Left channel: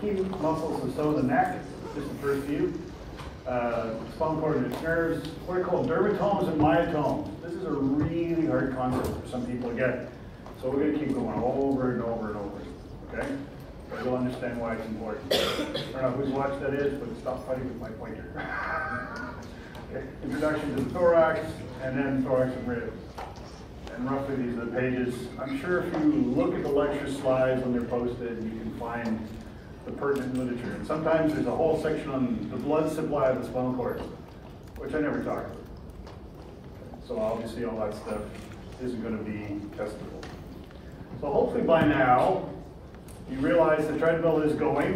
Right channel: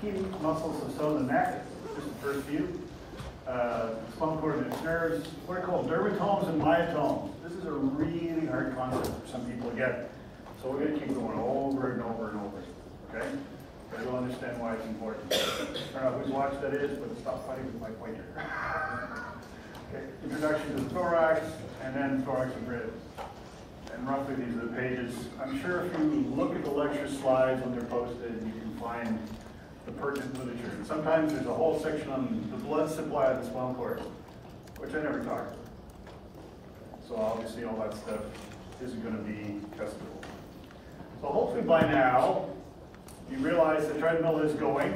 key muscles of so the neck, just the first few. Spinal cord and its nerves, what are called dermatomes and myotomes. This is a really hard concept for some people to get. So we're going to keep going over and over and over. Okay? But you'll understand why it's important. I don't know whose watch that is, but stop fighting with my pointer. Okay. Introduction to the thorax, and then thorax and ribs. And roughly these are the pages. I'm sure if you look at the lecture slides when they're posted, you can find the pertinent literature. And sometimes there's a whole section on the blood supply of the spinal cord, which I never talked about. So obviously all that stuff isn't going to be testable. So hopefully by now, you realize the treadmill is going,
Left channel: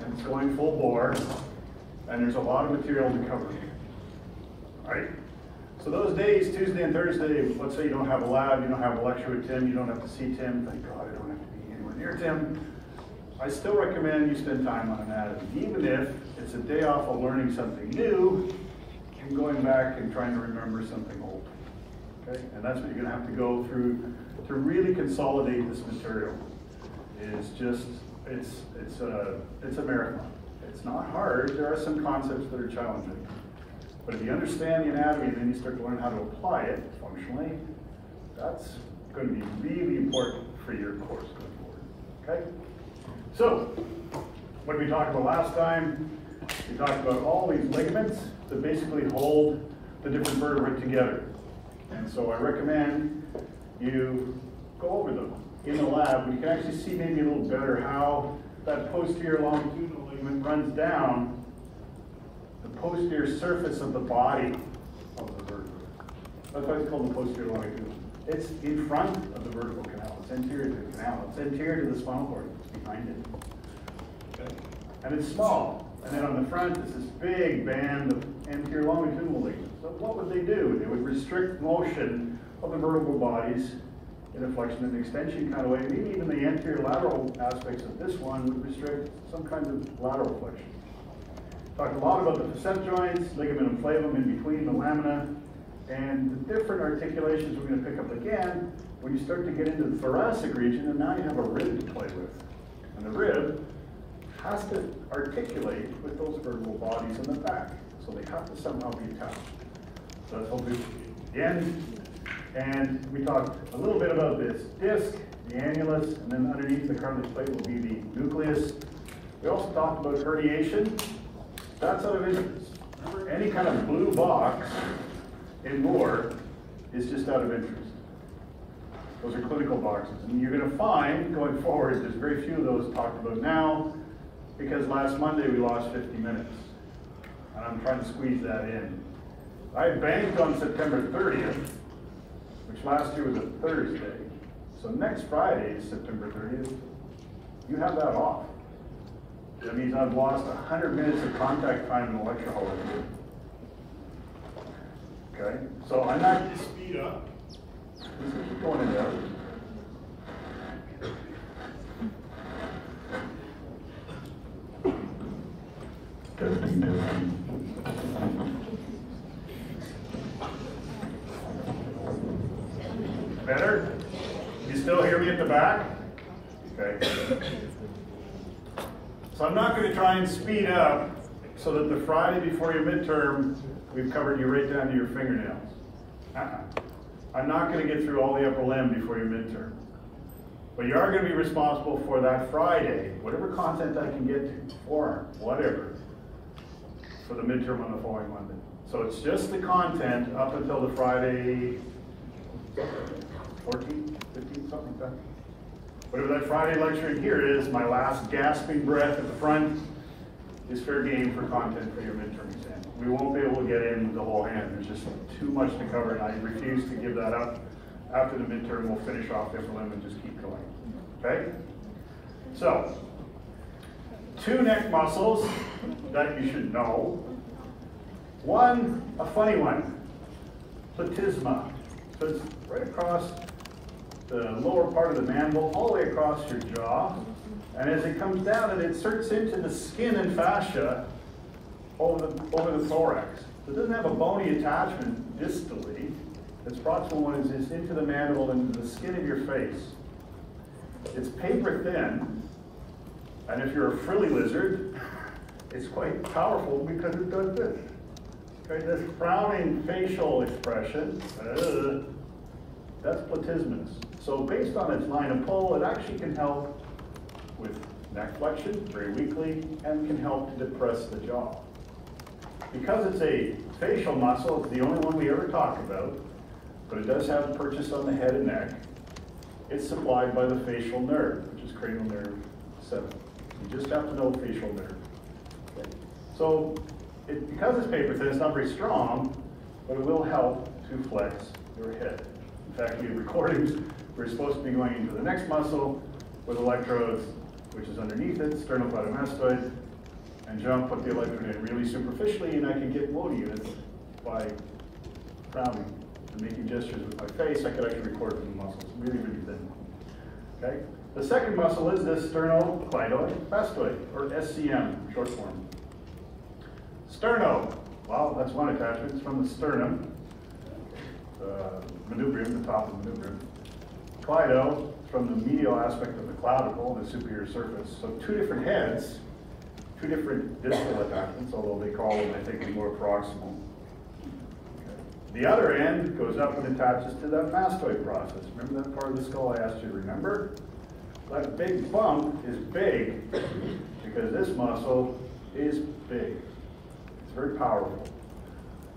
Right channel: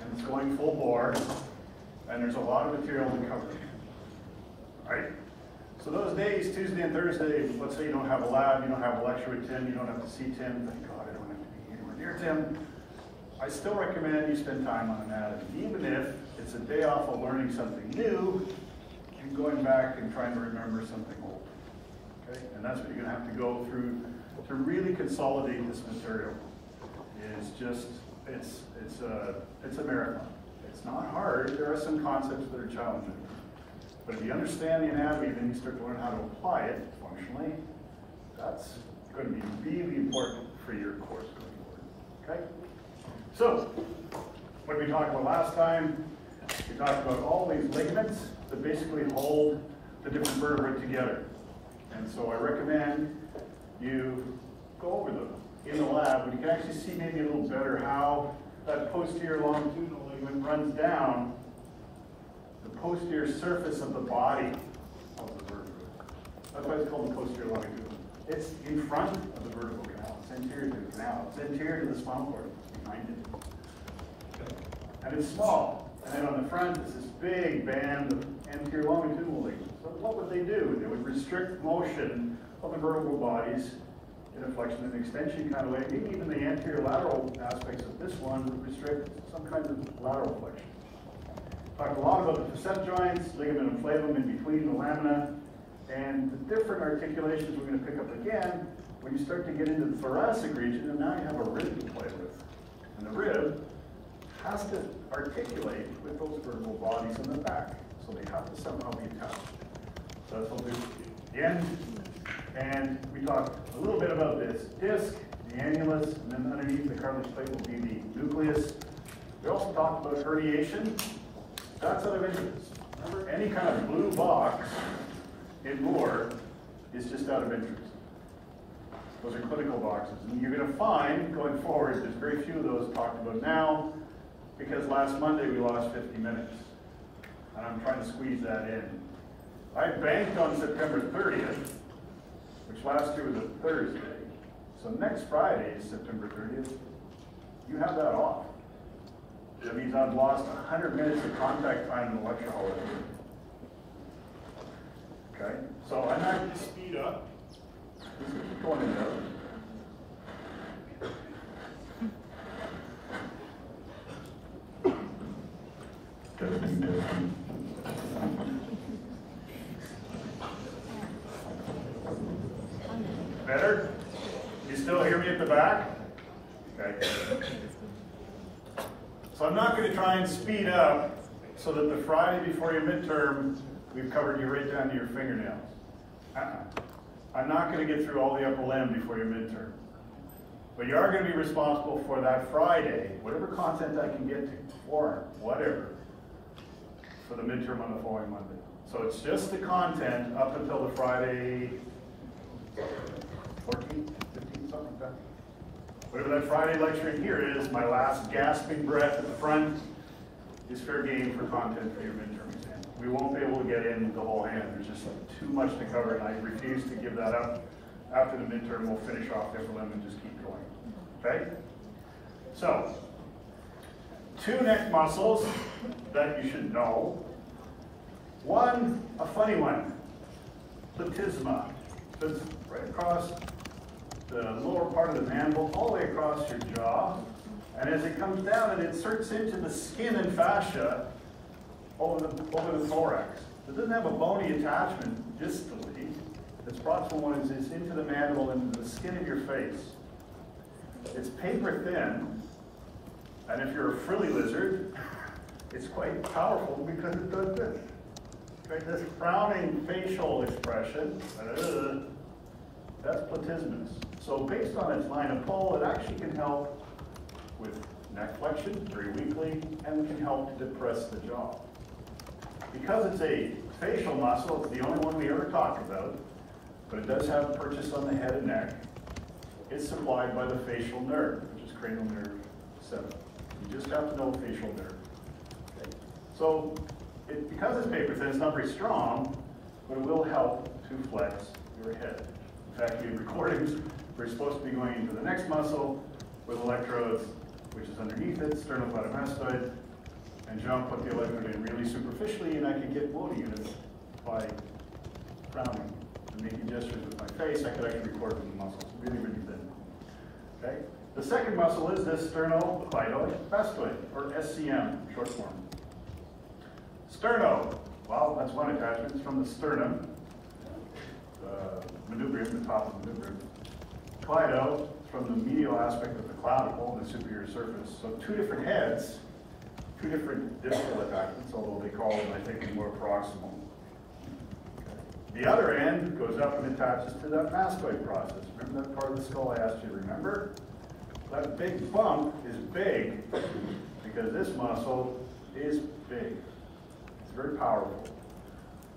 and it's going full bore, and there's a lot of material to cover. Right? So those days, Tuesday and Thursday, let's say you don't have a lab, you don't have a lecture with Tim, you don't have to see Tim, thank God I don't have to be anywhere near Tim. I still recommend you spend time on anatomy, even if it's a day off of learning something new and going back and trying to remember something old. Okay? And that's what you're going to have to go through to really consolidate this material. It's just, it's a marathon. It's not hard. There are some concepts that are challenging. But if you understand the anatomy and then you start to learn how to apply it functionally, that's going to be really important for your course going forward. Okay? So, what did we talk about last time? We talked about all these ligaments that basically hold the different vertebrae together. And so I recommend you go over them in the lab, and you can actually see maybe a little better how that posterior longitudinal ligament runs down the posterior surface of the body of the vertebrae. That's why it's called the posterior longitudinal. It's in front of the vertebral canal. It's anterior to the canal. It's anterior to the spinal cord. It's behind it. Okay. And it's small. And then on the front is this big band of anterior longitudinal ligaments. So what would they do? They would restrict motion of the vertebral bodies in a flexion and extension kind of way. Even the anterior lateral aspects of this one would restrict some kind of lateral flexion. Talked a lot about the facet joints, ligament and flavum in between the lamina, and the different articulations we're going to pick up again when you start to get into the thoracic region, and now you have a rib to play with. And the rib has to articulate with those vertebral bodies in the back, so they have to somehow be attached. So that's what we again. And we talked a little bit about this disc, the annulus, and then underneath the cartilage plate will be the nucleus. We also talked about herniation. That's out of interest. Remember, any kind of blue box in Moore is just out of interest. Those are clinical boxes. And you're going to find, going forward, there's very few of those talked about now, because last Monday we lost 50 minutes. And I'm trying to squeeze that in. I banked on September 30th, which last year was a Thursday. So next Friday is September 30th. You have that off. That means I've lost 100 minutes of contact time in the lecture hall. Okay, so I'm not going to speed up. This is going in there. Better? You still hear me at the back? Okay. So I'm not going to try and speed up so that the Friday before your midterm, we've covered you right down to your fingernails. I'm not going to get through all the upper limb before your midterm. But you are going to be responsible for that Friday, whatever content I can get to, or whatever, for the midterm on the following Monday. So it's just the content up until the Friday 14th, 15th, something like that. Whatever that Friday lecture here is, my last gasping breath at the front is fair game for content for your midterm exam. We won't be able to get in the whole hand. There's just too much to cover, and I refuse to give that up. After the midterm, we'll finish off the upper limb and just keep going. Okay? So, two neck muscles that you should know. One, a funny one, platysma. So it's right across the lower part of the mandible, all the way across your jaw. And as it comes down, it inserts into the skin and fascia over the thorax. It doesn't have a bony attachment distally. Its proximal one is into the mandible, into the skin of your face. It's paper thin, And if you're a frilly lizard, it's quite powerful because it does this. Okay, this frowning facial expression, that's platysmus. So based on its line of pull, it actually can help with neck flexion very weakly and can help to depress the jaw. Because it's a facial muscle, it's the only one we ever talk about, but it does have purchase on the head and neck. It's supplied by the facial nerve, which is cranial nerve 7. You just have to know facial nerve. Okay. So because it's paper thin, it's not very strong, but it will help to flex your head. In fact, you have recordings, we're supposed to be going into the next muscle with electrodes, which is underneath it, sternocleidomastoid, and John put the electrode in really superficially, and I can get woe units by frowning and making gestures with my face. I could actually record it from the muscles, really, really thin. Okay? The second muscle is the sternocleidomastoid, or SCM, short form. Sterno, well, that's one attachment. It's from the sternum, manubrium, the top of the manubrium. Cleido, from the medial aspect of the clavicle, the superior surface. So two different heads, two different distal attachments, although they call them, I think, more proximal. The other end goes up and attaches to that mastoid process. Remember that part of the skull I asked you to remember? That big bump is big because this muscle is big. It's very powerful.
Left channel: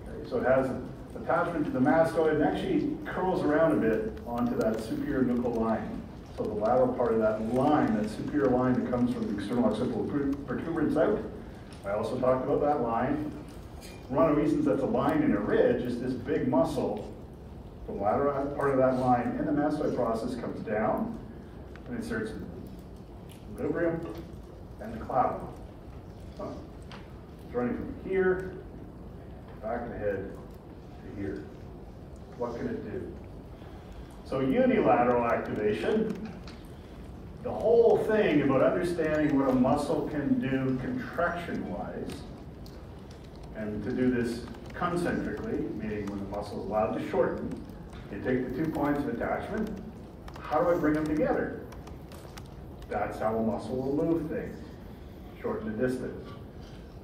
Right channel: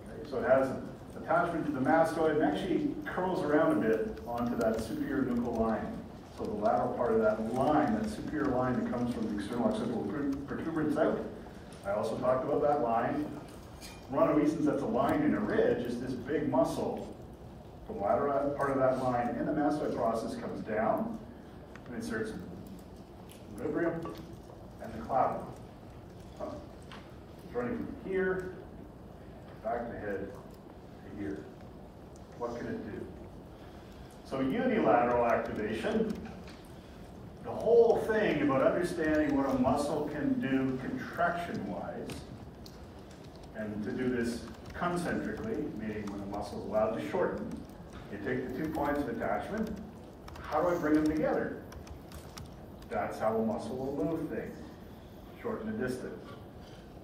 Okay, so it has an attachment to the mastoid and actually curls around a bit onto that superior nuchal line. So the lateral part of that line, that superior line that comes from the external occipital protuberance out. I also talked about that line. One of the reasons that's a line and a ridge is this big muscle. The lateral part of that line in the mastoid process comes down and inserts the manubrium and the clavicle. It's running from here, back of the head to here. What can it do? So unilateral activation, the whole thing about understanding what a muscle can do contraction-wise, and to do this concentrically, meaning when the muscle is allowed to shorten, they take the 2 points of attachment. How do I bring them together? That's how a muscle will move things. Shorten the distance.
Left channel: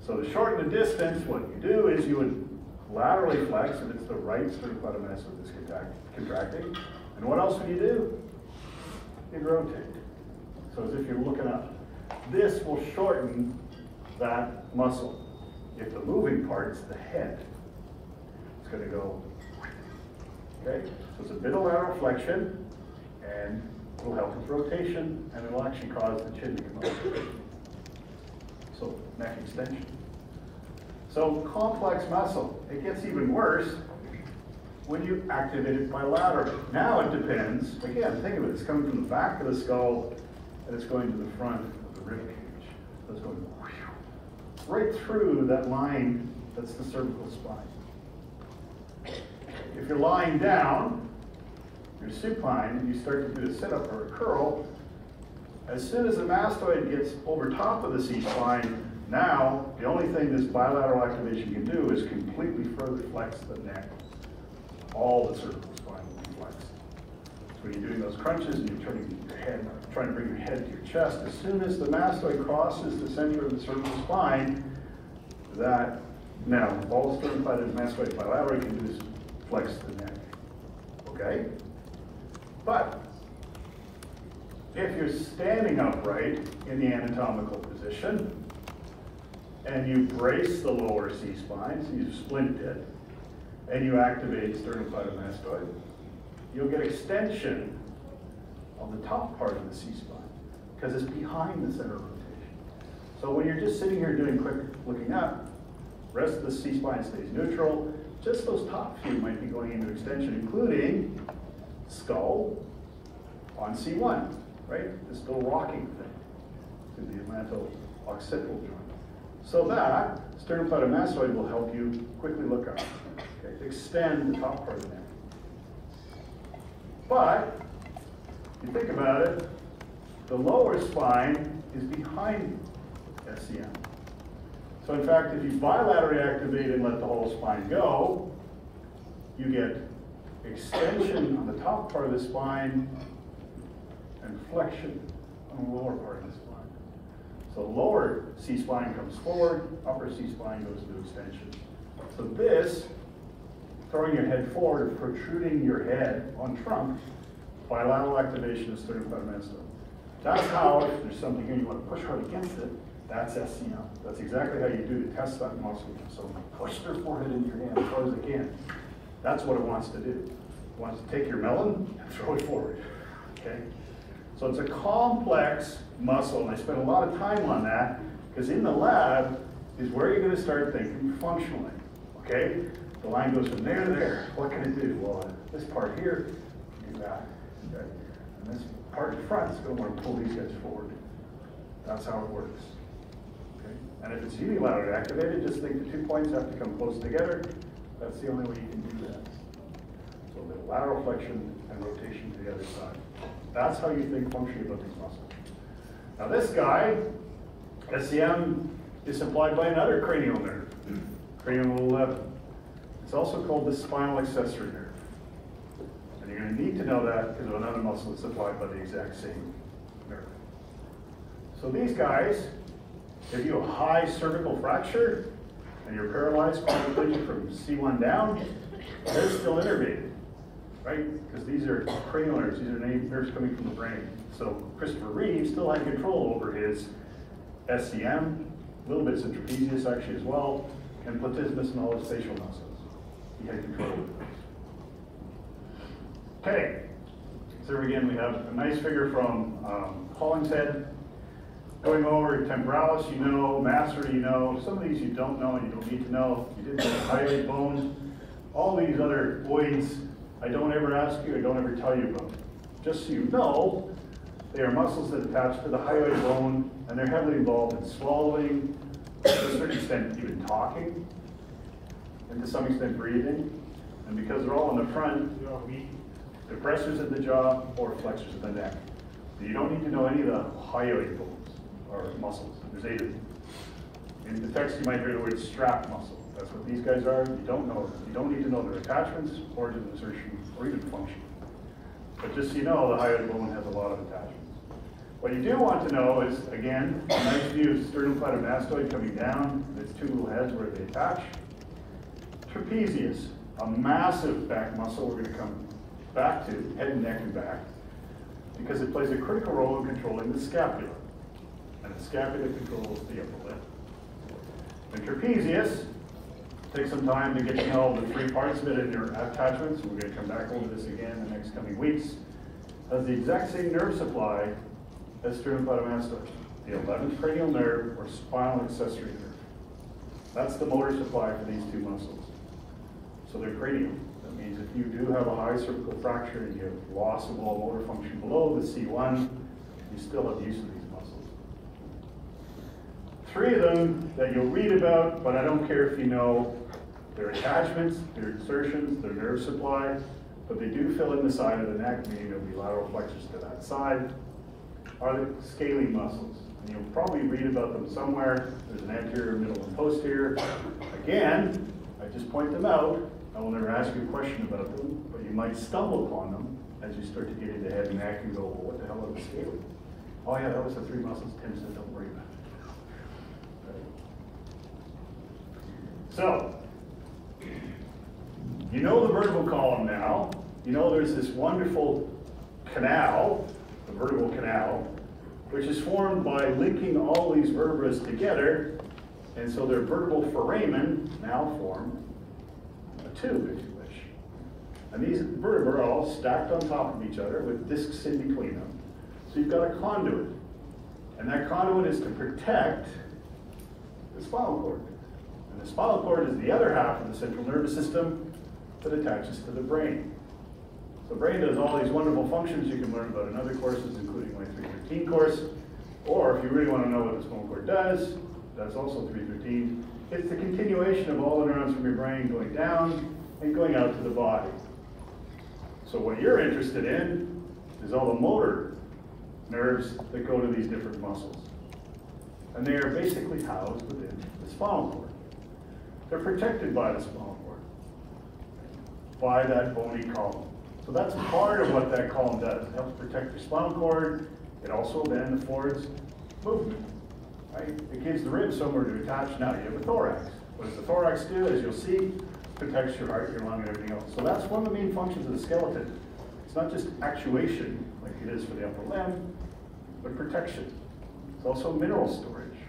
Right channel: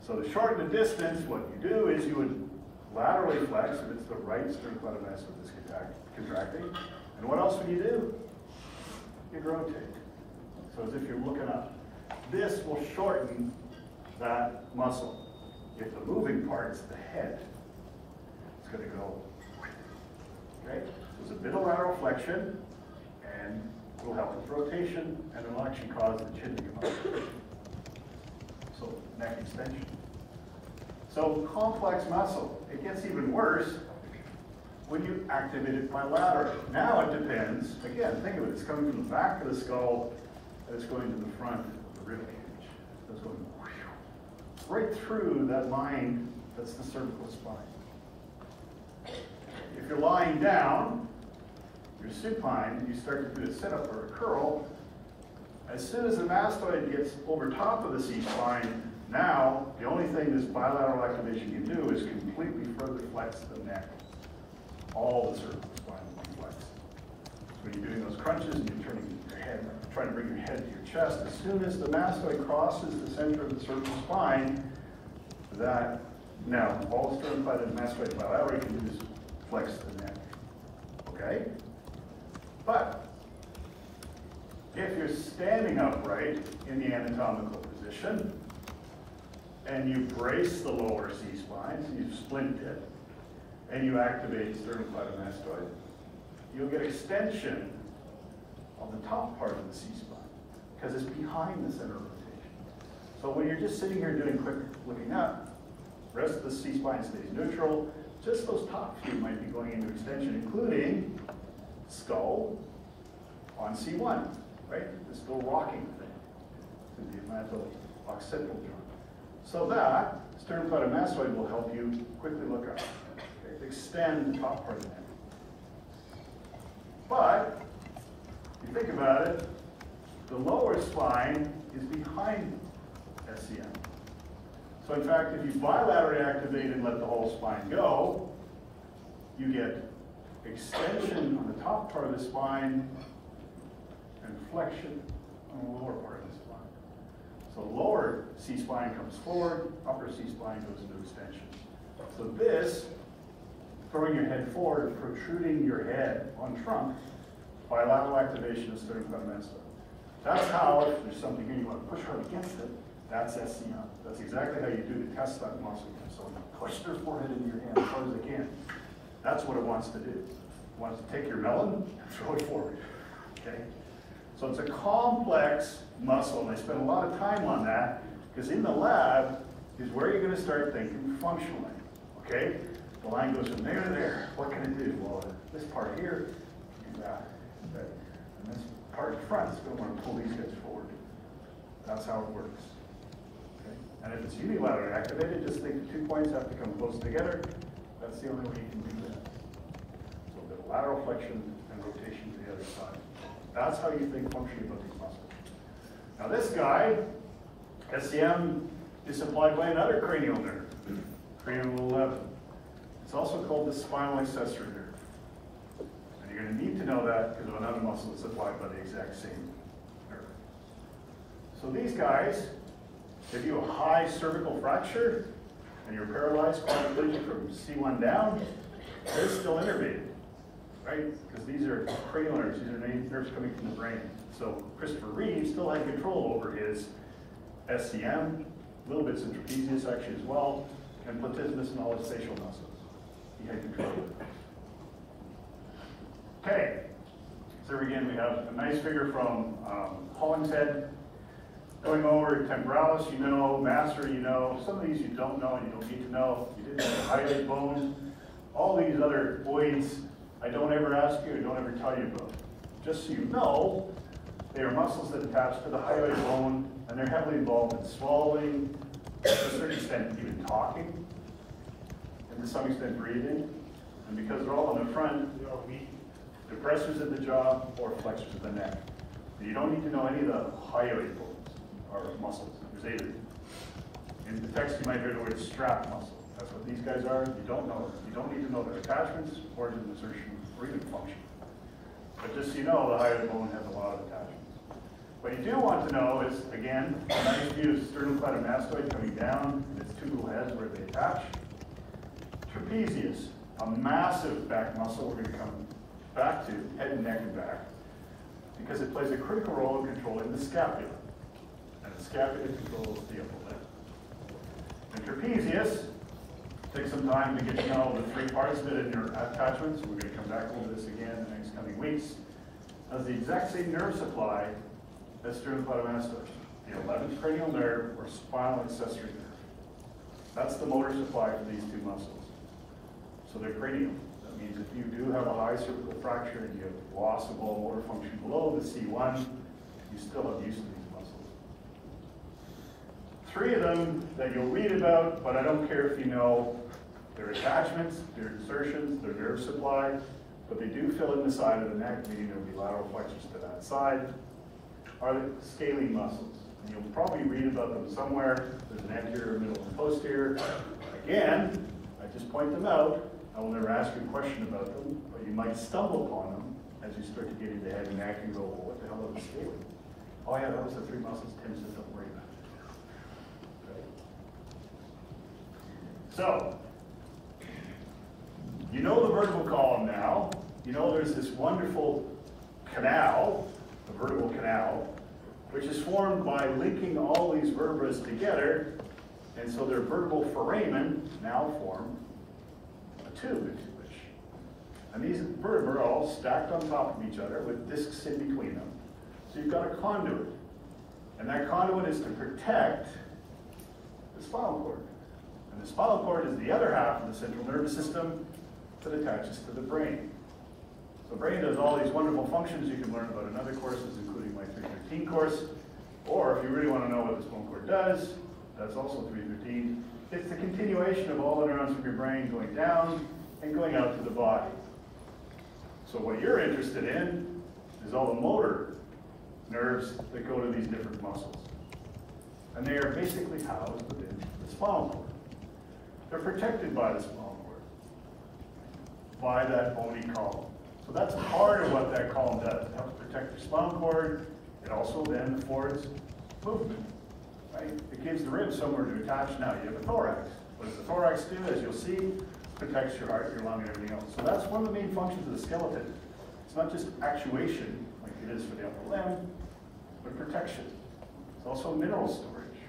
So to shorten the distance, what you do is you would laterally flex, if it's the right sternocleidomastoid that's contracting. And what else would you do? You'd rotate. So as if you're looking up. This will shorten that muscle. If the moving part is the head, it's going to go. Okay? So it's a bit of lateral flexion, and it will help with rotation, and it will actually cause the chin to come up. So neck extension. So complex muscle. It gets even worse when you activate it bilaterally. Now it depends. Again, think of it. It's coming from the back of the skull, and it's going to the front of the rib cage. So it's going right through that line that's the cervical spine. If you're lying down, you're supine, and you start to do a sit-up or a curl, as soon as the mastoid gets over top of the C-spine, now the only thing this bilateral activation can do is completely further flex the neck. All the cervical spine will be flexed. So when you're doing those crunches and you're turning your head, trying to bring your head to your chest, as soon as the mastoid crosses the center of the cervical spine, that now all sternocleidomastoid bilateral can do is flex the neck. Okay? But if you're standing upright in the anatomical position and you brace the lower C-spine, so you splint it, and you activate sternocleidomastoid, you'll get extension on the top part of the C-spine because it's behind the center of rotation. So when you're just sitting here doing quick looking up, the rest of the C-spine stays neutral. Just those top few might be going into extension, including skull on C1, right? This little rocking thing to the atlanto-occipital joint. So that sternocleidomastoid will help you quickly look up. Okay? Extend the top part of the neck. But if you think about it, the lower spine is behind SCM. So in fact, if you bilaterally activate and let the whole spine go, you get extension on the top part of the spine and flexion on the lower part of the spine. So lower C-spine comes forward, upper C-spine goes into extension. So this, throwing your head forward, protruding your head on trunk, bilateral activation of sternocleidomastoid. That's how, if there's something here you want to push hard against it, that's SCM. That's exactly how you do to test that muscle. So push their forehead into your hand as far as they can. That's what it wants to do. It wants to take your melon and throw it forward. Okay? So it's a complex muscle, and I spent a lot of time on that because in the lab is where you're going to start thinking functionally. Okay? The line goes from there to there. What can it do? Well, this part here, do that. Okay? And this part in front is going to want to pull these guys forward. That's how it works. Okay? And if it's unilaterally activated, just think the 2 points have to come close together. That's the only way you can do that. So a bit of lateral flexion and rotation to the other side. That's how you think functionally about these muscles. Now this guy, SCM, is supplied by another cranial nerve, cranial 11. It's also called the spinal accessory nerve. And you're going to need to know that because another muscle is supplied by the exact same nerve. So these guys, if you have a high cervical fracture and you're paralyzed quadriplegic from C1 down, they're still innervated. Right? Because these are cranial nerves, these are nerves coming from the brain. So Christopher Reeve still had control over his SCM, a little bit of trapezius actually as well, and platysmus and all his facial muscles. He had control over those. Okay, so again we have a nice figure from Hollingshead. Going over temporalis, you know, masseter, you know. Some of these you don't know and you don't need to know. You didn't know the hyoid bones. All these other oids, I don't ever ask you, I don't ever tell you about. Just so you know, they are muscles that attach to the hyoid bone, and they're heavily involved in swallowing, to a certain extent even talking, and to some extent breathing. And because they're all in the front, they're all weak, depressors of the jaw or flexors of the neck. But you don't need to know any of the hyoid bones or muscles. There's 8 of them. In the text you might hear the word strap muscle. That's what these guys are. You don't know. You don't need to know their attachments, origin, insertion, or even function. But just so you know, the hyoid bone has a lot of attachments. What you do want to know is, again, a nice view of sternocleidomastoid coming down, its 2 little heads where they attach. Trapezius, a massive back muscle we're going to come back to, head and neck and back, because it plays a critical role in controlling the scapula. And the scapula controls the upper lip. And trapezius, take some time to get to know the 3 parts of it and your attachments. We're going to come back over this again in the next coming weeks. Has the exact same nerve supply as sternocleidomastoid, the 11th cranial nerve or spinal accessory nerve. That's the motor supply for these 2 muscles. So they're cranial. That means if you do have a high cervical fracture and you have loss of all motor function below the C1, you still have use of these muscles. 3 of them that you'll read about, but I don't care if you know their attachments, their insertions, their nerve supply, but they do fill in the side of the neck, meaning there'll be lateral flexors to that side, are the scalene muscles. And you'll probably read about them somewhere. There's an anterior, middle, and posterior. Again, I just point them out. I will never ask you a question about them, but you might stumble upon them as you start to get into head and neck and go, well, what the hell are the scalene? Oh yeah, that was the 3 muscles Tim said, don't worry about it. Right. So, you know the vertebral column now. You know there's this wonderful canal, the vertebral canal, which is formed by linking all these vertebrae together, and so their vertebral foramen now form a tube, if you wish. And these vertebrae are all stacked on top of each other with discs in between them. So you've got a conduit, and that conduit is to protect the spinal cord. And the spinal cord is the other half of the central nervous system that attaches to the brain. So the brain does all these wonderful functions you can learn about in other courses, including my 313 course. Or if you really want to know what the spinal cord does, that's also 313. It's the continuation of all the neurons from your brain going down and going out to the body. So what you're interested in is all the motor nerves that go to these different muscles. And they are basically housed within the spinal cord. They're protected by the spinal cord, by that bony column. So that's part of what that column does. It helps protect your spinal cord. It also then affords movement. right? It gives the ribs somewhere to attach. Now you have a thorax. What does the thorax do? As you'll see, protects your heart, your lung, and everything else. So that's one of the main functions of the skeleton. It's not just actuation, like it is for the upper limb, but protection. It's also mineral storage,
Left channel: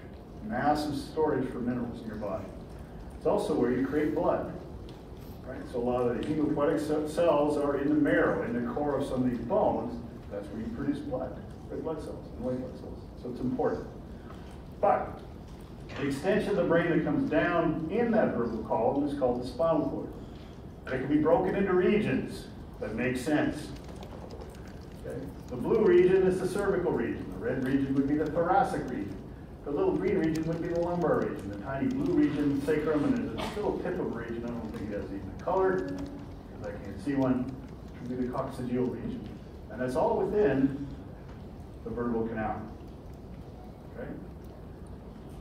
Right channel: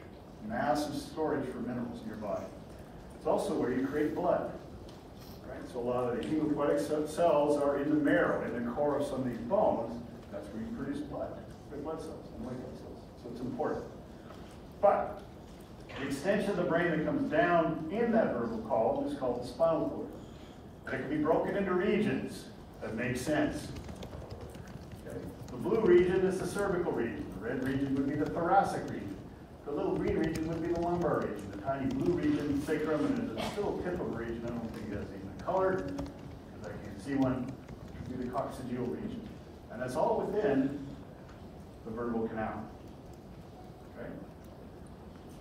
massive storage for minerals in your body. It's also where you create blood. Right? So a lot of the hematopoietic cells are in the marrow, in the core of some of these bones. That's where you produce blood, red blood cells and white blood cells. So it's important. But the extension of the brain that comes down in that vertebral column is called the spinal cord. It can be broken into regions that make sense. Okay? The blue region is the cervical region. The red region would be the thoracic region. The little green region would be the lumbar region. The tiny blue region, sacrum, and there's a little tip of a region. I don't think that's even colored, because I can't see one. It would be the coccygeal region. And that's all within the vertebral canal. Okay?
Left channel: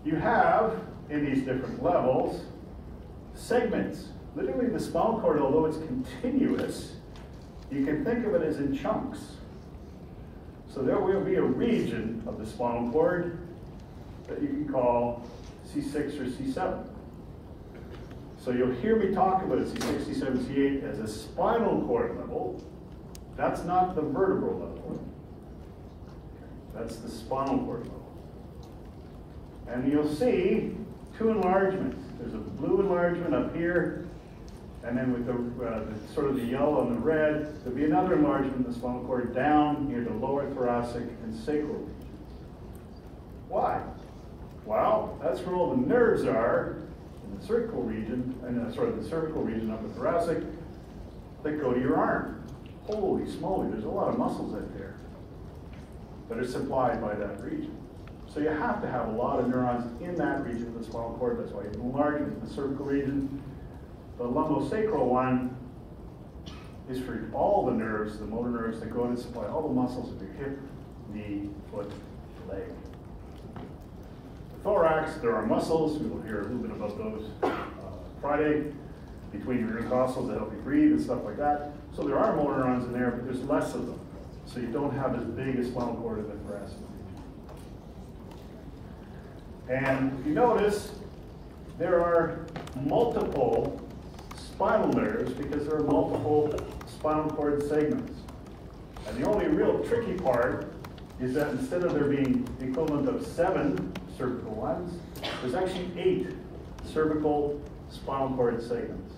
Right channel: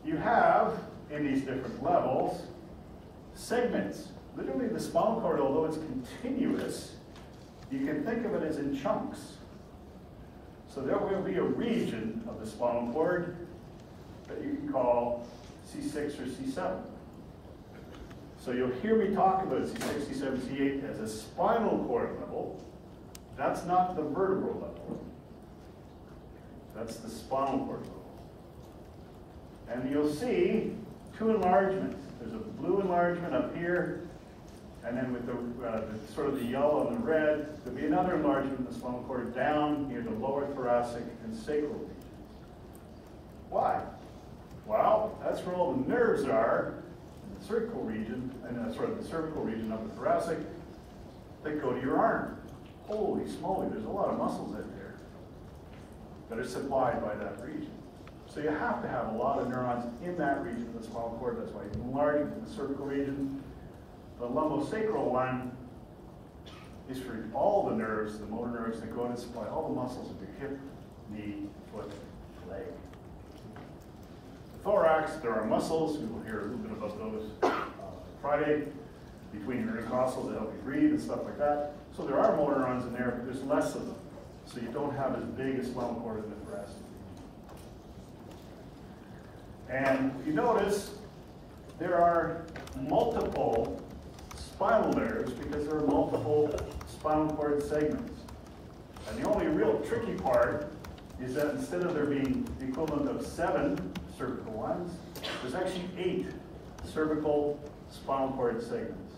You have, in these different levels, segments. Literally the spinal cord, although it's continuous, you can think of it as in chunks. So there will be a region of the spinal cord that you can call C6 or C7. So you'll hear me talk about C6, C7, C8 as a spinal cord level. That's not the vertebral level. That's the spinal cord level. And you'll see two enlargements. There's a blue enlargement up here, and then with the sort of the yellow and the red, there'll be another enlargement in the spinal cord down near the lower thoracic and sacral regions. Why? Well, that's where all the nerves are in the cervical region, the cervical region up the thoracic, that go to your arm. Holy smoly, there's a lot of muscles in there that are supplied by that region. So you have to have a lot of neurons in that region of the spinal cord. That's why you enlarge the cervical region. The lumbosacral one is for all the nerves, the motor nerves that go to supply all the muscles of your hip, knee, foot, leg. The thorax, there are muscles. We will hear a little bit about those Friday, between your intercostals that help you breathe and stuff like that. So there are motor neurons in there, but there's less of them. So you don't have as big a spinal cord in the thoracic. And you notice there are multiple spinal nerves because there are multiple spinal cord segments. And the only real tricky part is that instead of there being the equivalent of 7 cervical ones, there's actually 8 cervical spinal cord segments.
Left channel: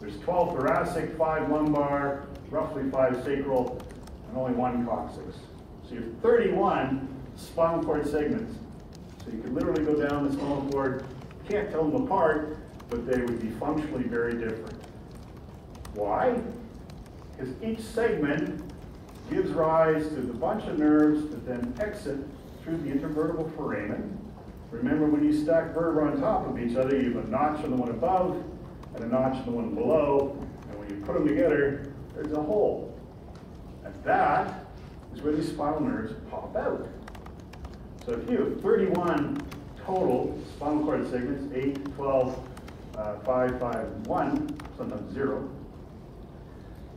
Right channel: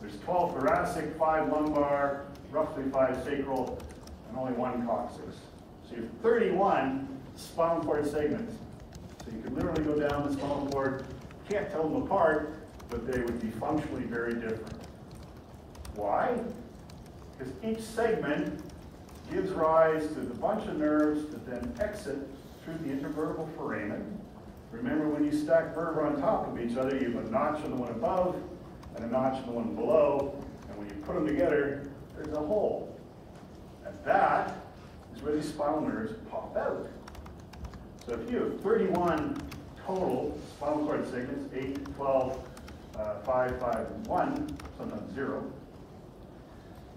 There's 12 thoracic, 5 lumbar, roughly 5 sacral, and only 1 coccyx. So you have 31 spinal cord segments. So you can literally go down the spinal cord, can't tell them apart, but they would be functionally very different. Why? Because each segment gives rise to the bunch of nerves that then exit through the intervertebral foramen. Remember, when you stack vertebrae on top of each other, you have a notch on the one above and a notch on the one below, and when you put them together, there's a hole. And that is where the spinal nerves pop out. So if you have 31 total spinal cord segments, 8, 12, 5, 5, and 1, sometimes 0,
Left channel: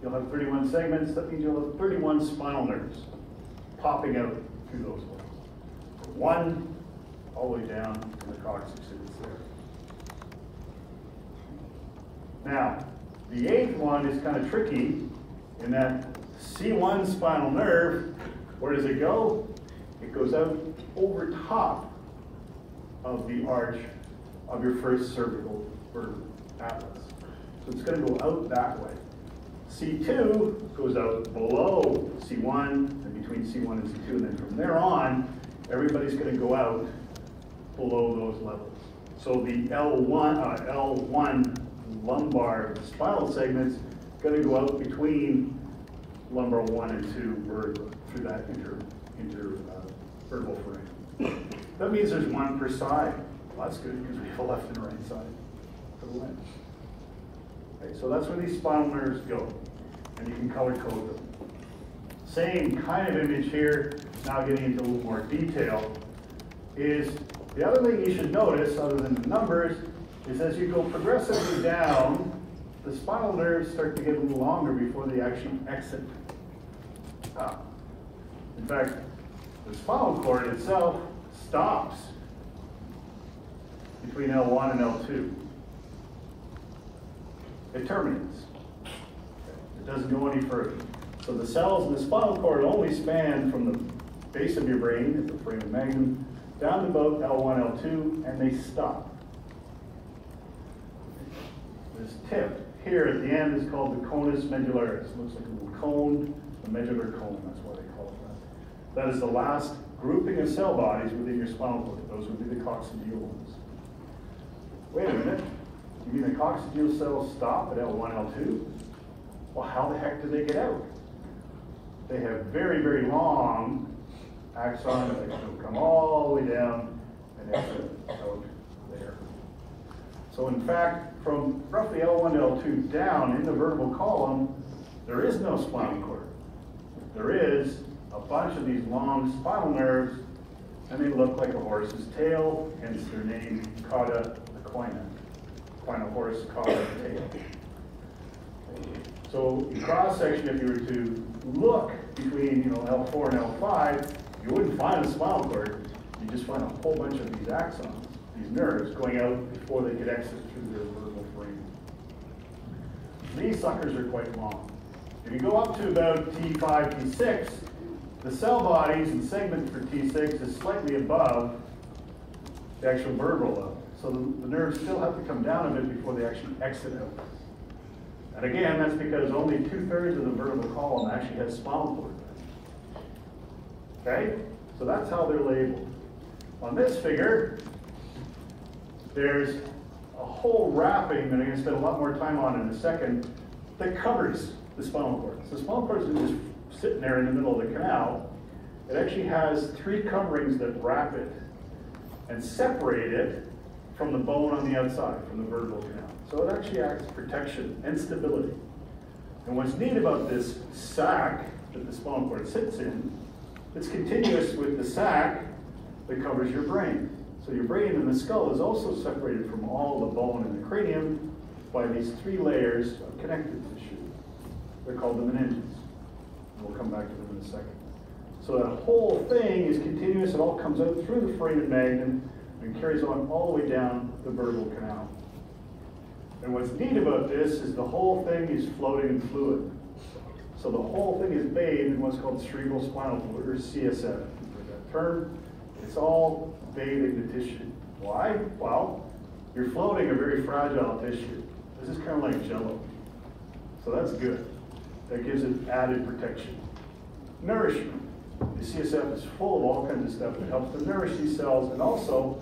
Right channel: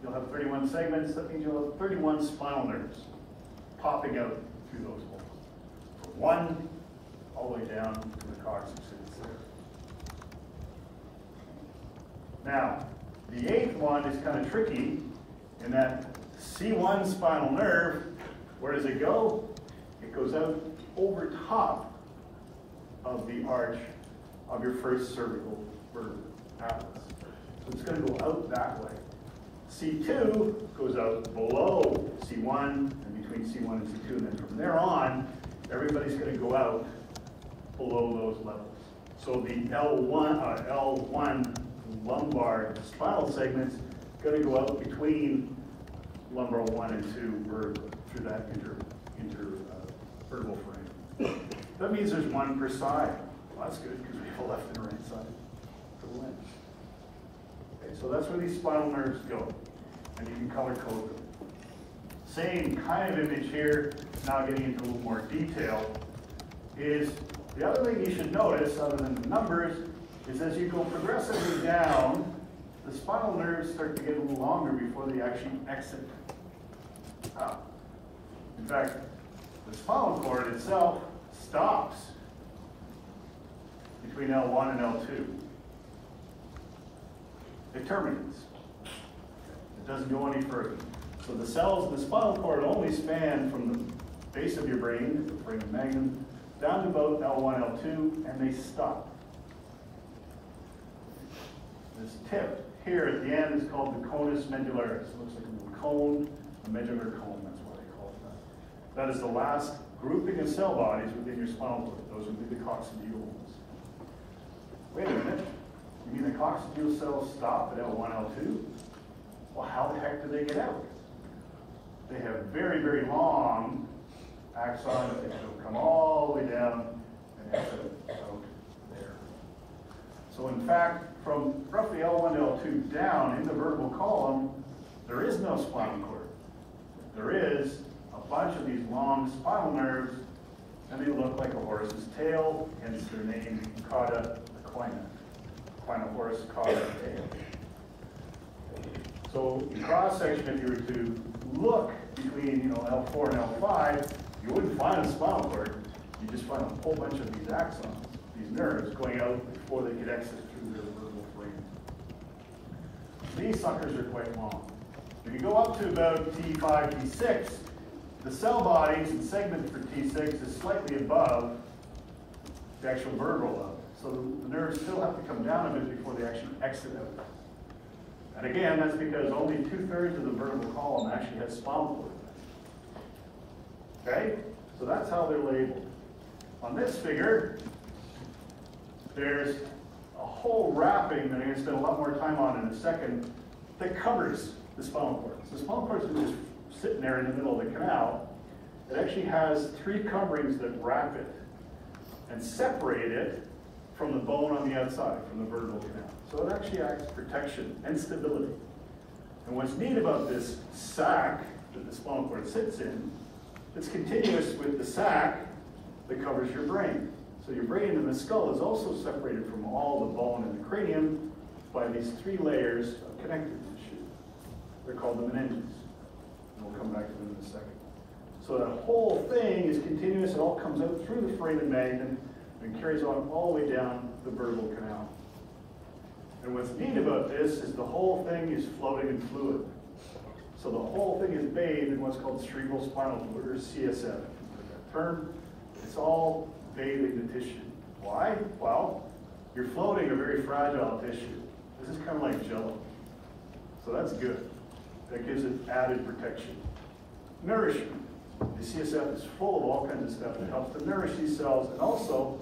you'll have 31 segments. That means you'll have 31 spinal nerves popping out through those holes. 1 all the way down to the coccyx there. Now, the 8th one is kind of tricky in that C1 spinal nerve, where does it go? It goes out over top of the arch of your first cervical vertebra, atlas. So it's going to go out that way. C2 goes out below C1 and between C1 and C2, and then from there on, everybody's going to go out below those levels. So the L1 lumbar spinal segment's going to go out between lumbar 1 and 2 vertebra through that intervertebral foramen. That means there's 1 per side. Well, that's good because we have a left and right side to the lens. Okay, so that's where these spinal nerves go, and you can color code them. Same kind of image here, now getting into a little more detail, is the other thing you should notice, other than the numbers, is as you go progressively down, the spinal nerves start to get a little longer before they actually exit up. In fact, The spinal cord itself stops between L1 and L2. It terminates. It doesn't go any further. So the cells in the spinal cord only span from the base of your brain, the foramen magnum, down to about L1, L2, and they stop. This tip here at the end is called the conus medullaris. It looks like a little cone, a medullary cone, that's why they call it that. That is the last grouping of cell bodies within your spinal cord. Those would be the coccygeal ones. Wait a minute, you mean the coccygeal cells stop at L1, L2? Well, how the heck do they get out? They have very, very long axons that come all the way down and exit out there. So in fact, from roughly L1 to L2 down in the vertebral column, there is no spinal cord. There is a bunch of these long spinal nerves, and they look like a horse's tail, hence their name, cauda equina. Equina horse, cauda tail. So in cross section, if you were to look between L4 and L5, you wouldn't find a spinal cord. You just find a whole bunch of these axons, these nerves, going out before they could exit through their vertebral frame. These suckers are quite long. If you go up to about T5, T6, the cell bodies and segment for T6 is slightly above the actual vertebral level. So the nerves still have to come down a bit before they actually exit out. And again, that's because only 2/3 of the vertebral column actually has spinal cord. Okay? So that's how they're labeled. On this figure, there's a whole wrapping that I'm going to spend a lot more time on in a second that covers the spinal cord. So the spinal cord isn't just sitting there in the middle of the canal. It actually has 3 coverings that wrap it and separate it from the bone on the outside, from the vertebral canal. So it actually acts as protection and stability. And what's neat about this sac that the spinal cord sits in, it's continuous with the sac that covers your brain. So your brain and the skull is also separated from all the bone in the cranium by these 3 layers of connective tissue. They're called the meninges. And we'll come back to them in a second. So that whole thing is continuous. It all comes out through the foramen magnum and carries on all the way down the vertebral canal. And what's neat about this is the whole thing is floating in fluid. So the whole thing is bathed in what's called cerebral spinal fluid, or CSF. That term, it's all bathing the tissue. Why? Well, you're floating a very fragile tissue. This is kind of like jello. So that's good. That gives it added protection. Nourishment. The CSF is full of all kinds of stuff that helps to nourish these cells and also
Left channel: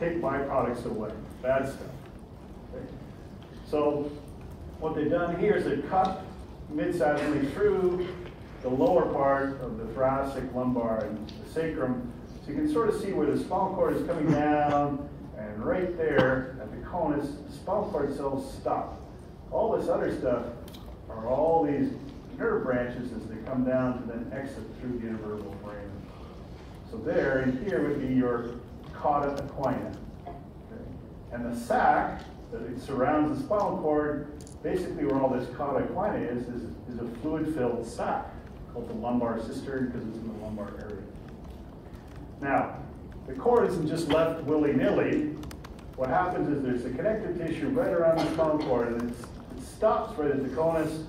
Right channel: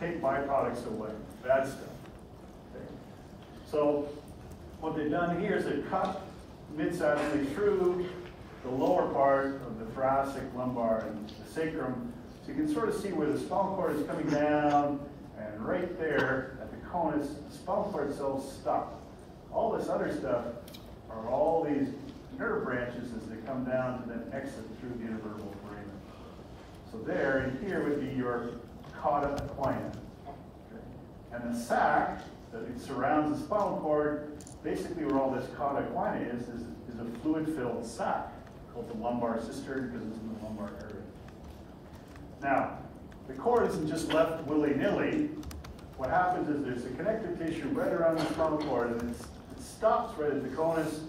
take byproducts away, bad stuff. Okay. So what they've done here is they've cut mid-sagitally through the lower part of the thoracic, lumbar, and the sacrum. So you can sort of see where the spinal cord is coming down, and right there at the conus, the spinal cord cells stop. All this other stuff are all these nerve branches as they come down to then exit through the intervertebral frame. So there and here would be your cauda equina. Okay. And the sac that it surrounds the spinal cord, basically where all this cauda equina is a fluid-filled sac called the lumbar cistern because it's in the lumbar area. Now, the cord isn't just left willy-nilly. What happens is there's a connective tissue right around the spinal cord, and it stops right at the conus,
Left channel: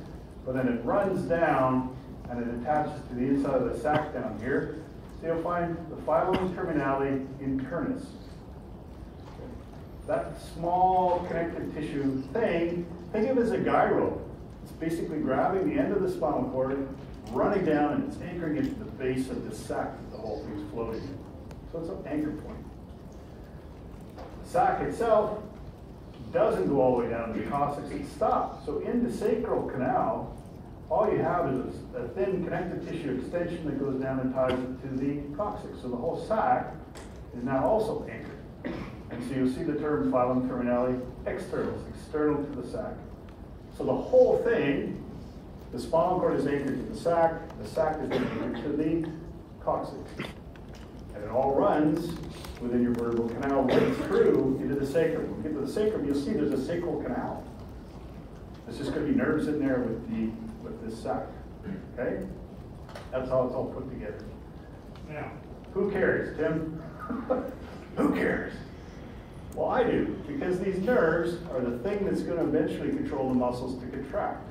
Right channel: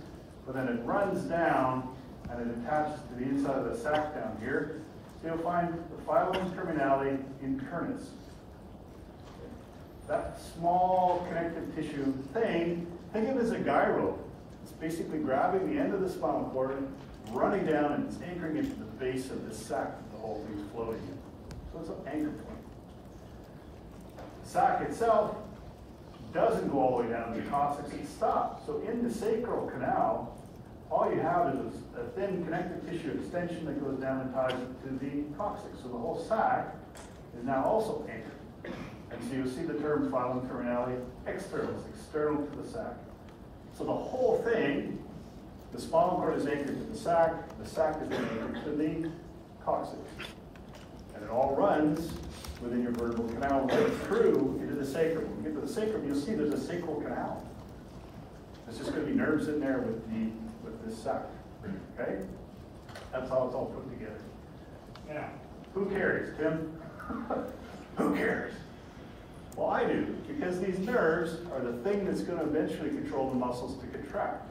but then it runs down and it attaches to the inside of the sac down here. So you'll find the filum terminale internus. That small connective tissue thing, think of it as a guy rope. It's basically grabbing the end of the spinal cord, running down, and it's anchoring it to the base of the sac that the whole thing is floating in. So it's an anchor point. The sac itself doesn't go all the way down to the coccyx, it stops. So in the sacral canal, all you have is a thin connective tissue extension that goes down and ties it to the coccyx. So the whole sac is now also anchored. And so you see the term filum terminale externus, external to the sac. So the whole thing, the spinal cord is anchored to the sac is then anchored to the coccyx. And it all runs within your vertebral canal right through into the sacrum. When you get to the sacrum, you'll see there's a sacral canal. There's just going to be nerves in there with this sac. Okay? That's how it's all put together. Now, Who cares, Tim? Who cares? Well, I do, because these nerves are the thing that's going to eventually control the muscles to contract.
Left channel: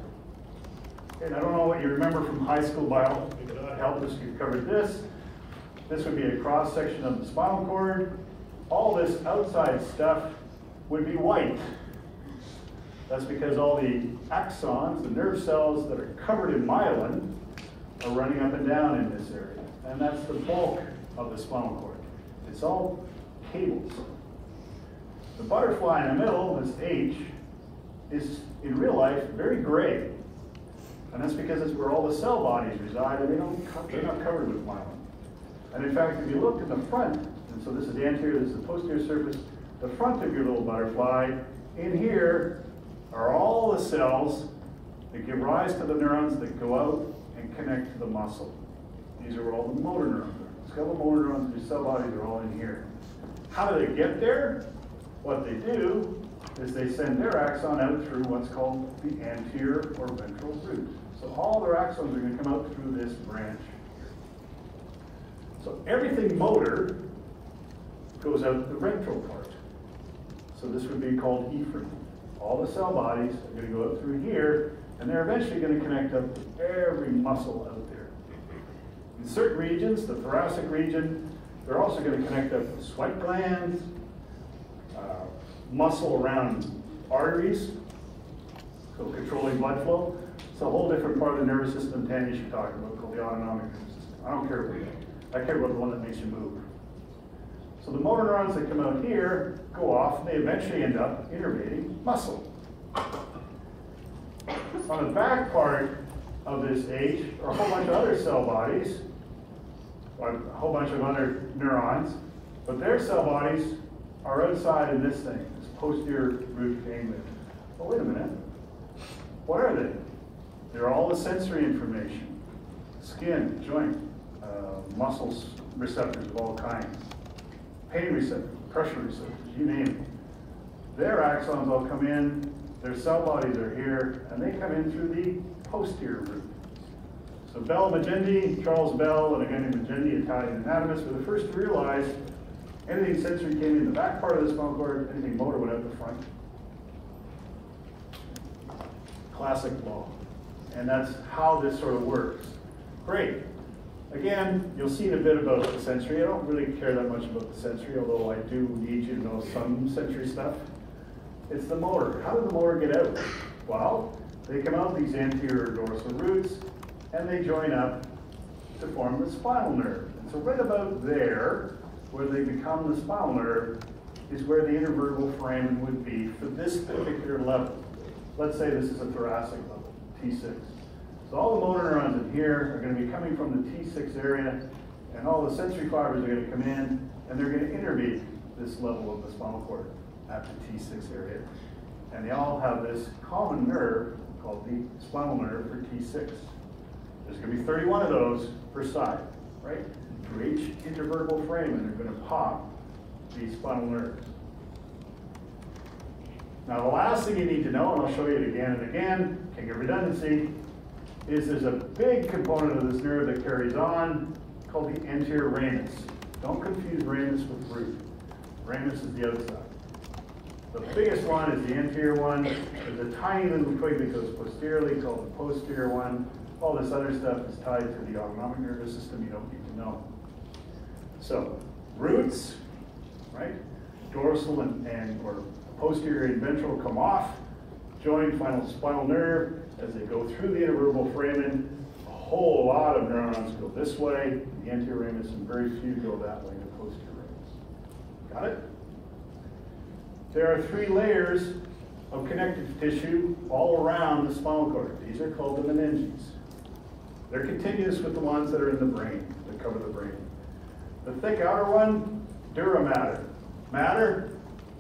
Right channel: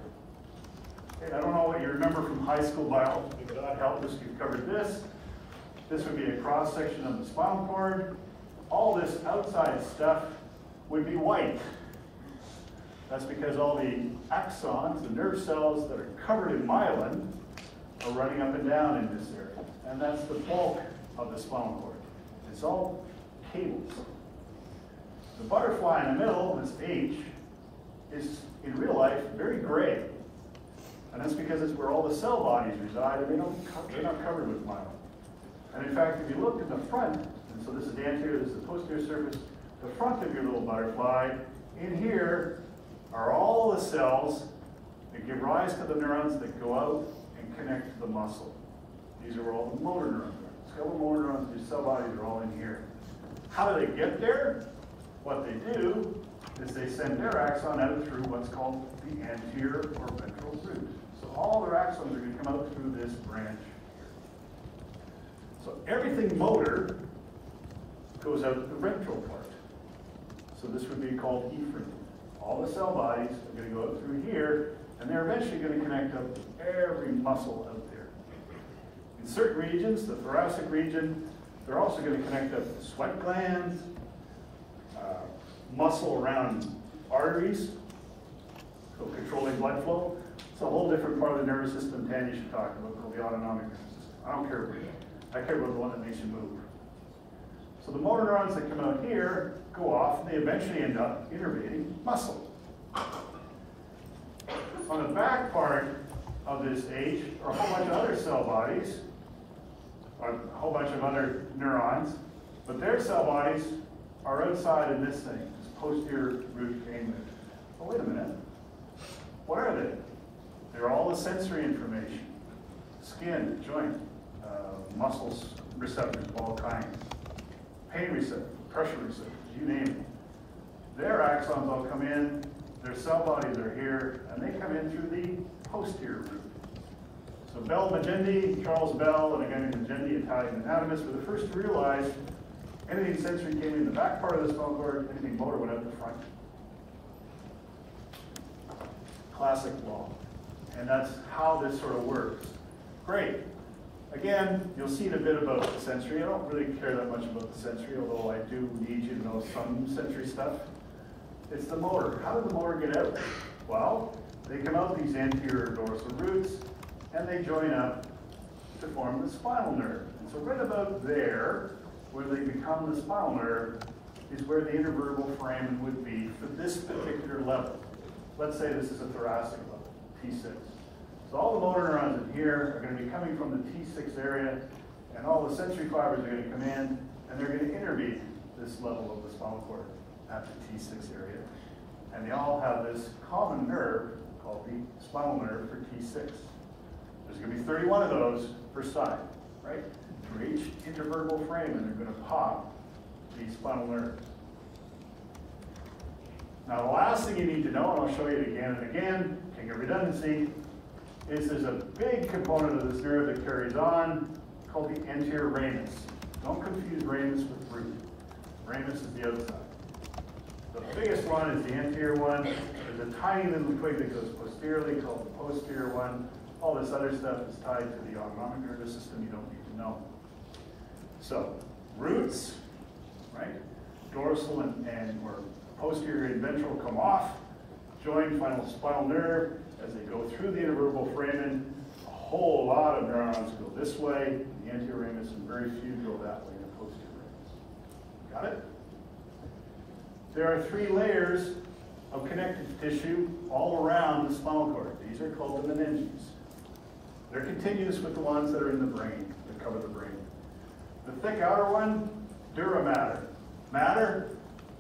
And I don't know what you remember from high school biology, but God help us, we've covered this. This would be a cross-section of the spinal cord. All this outside stuff would be white. That's because all the axons, the nerve cells that are covered in myelin, are running up and down in this area. And that's the bulk of the spinal cord. It's all cables. The butterfly in the middle, this H, is in real life very gray. And that's because it's where all the cell bodies reside, and they're not covered with myelin. And in fact, if you look in the front, and so this is the anterior, this is the posterior surface, the front of your little butterfly, in here are all the cells that give rise to the neurons that go out and connect to the muscle. These are all the motor neurons. Skeletal motor neurons, your cell bodies are all in here. How do they get there? What they do is they send their axon out through what's called the anterior or ventral root. So all their axons are going to come out through this branch here. So everything motor goes out the ventral part. So this would be called efferent. All the cell bodies are going to go up through here, and they're eventually going to connect up to every muscle out there. In certain regions, the thoracic region, they're also going to connect up to sweat glands, muscle around arteries, so controlling blood flow. It's a whole different part of the nervous system Tanya should talk about, called the autonomic nervous system. I don't care what you do. I care about the one that makes you move. So the motor neurons that come out here go off, and they eventually end up innervating muscle. On the back part of this H are a whole bunch of other cell bodies, or a whole bunch of other neurons, but their cell bodies are outside in this thing, this posterior root ganglion. Oh, wait a minute. What are they? They're all the sensory information. Skin, joint, muscles, receptors of all kinds. Pain receptors, pressure receptors, you name it. Their axons all come in, their cell bodies are here, and they come in through the posterior root. So Bell Magendie, Charles Bell, and again Magendie, Italian anatomist, were the first to realize anything sensory came in the back part of the spinal cord, anything motor went out the front. Classic law. And that's how this sort of works. Great. Again, you'll see in a bit about the sensory. I don't really care that much about the sensory, although I do need you to know some sensory stuff. It's the motor. How did the motor get out? Well, they come out these anterior dorsal roots, and they join up to form the spinal nerve. And so right about there, where they become the spinal nerve, is where the intervertebral foramen would be for this particular level. Let's say this is a thoracic level, T6. So all the motor neurons in here are going to be coming from the T6 area, and all the sensory fibers are going to come in, and they're going to innervate this level of the spinal cord at the T6 area. And they all have this common nerve called the spinal nerve for T6. There's going to be 31 of those per side, right? For each intervertebral foramen, they're going to pop these spinal nerves. Now, the last thing you need to know, and I'll show you it again and again, king of redundancy, is there's a big component of this nerve that carries on called the anterior ramus. Don't confuse ramus with root. Ramus is the outside. The biggest one is the anterior one. There's a tiny little twig that goes posteriorly called the posterior one. All this other stuff is tied to the autonomic nervous system you don't need to know. So, roots, right? Dorsal and or posterior and ventral come off, join final spinal nerve. As they go through the intervertebral foramen, a whole lot of neurons go this way, the anterior ramus, and very few go that way, the posterior ramus. Got it? There are 3 layers of connective tissue all around the spinal cord. These are called the meninges. They're continuous with the ones that are in the brain, that cover the brain. The thick outer one, dura mater. Mater,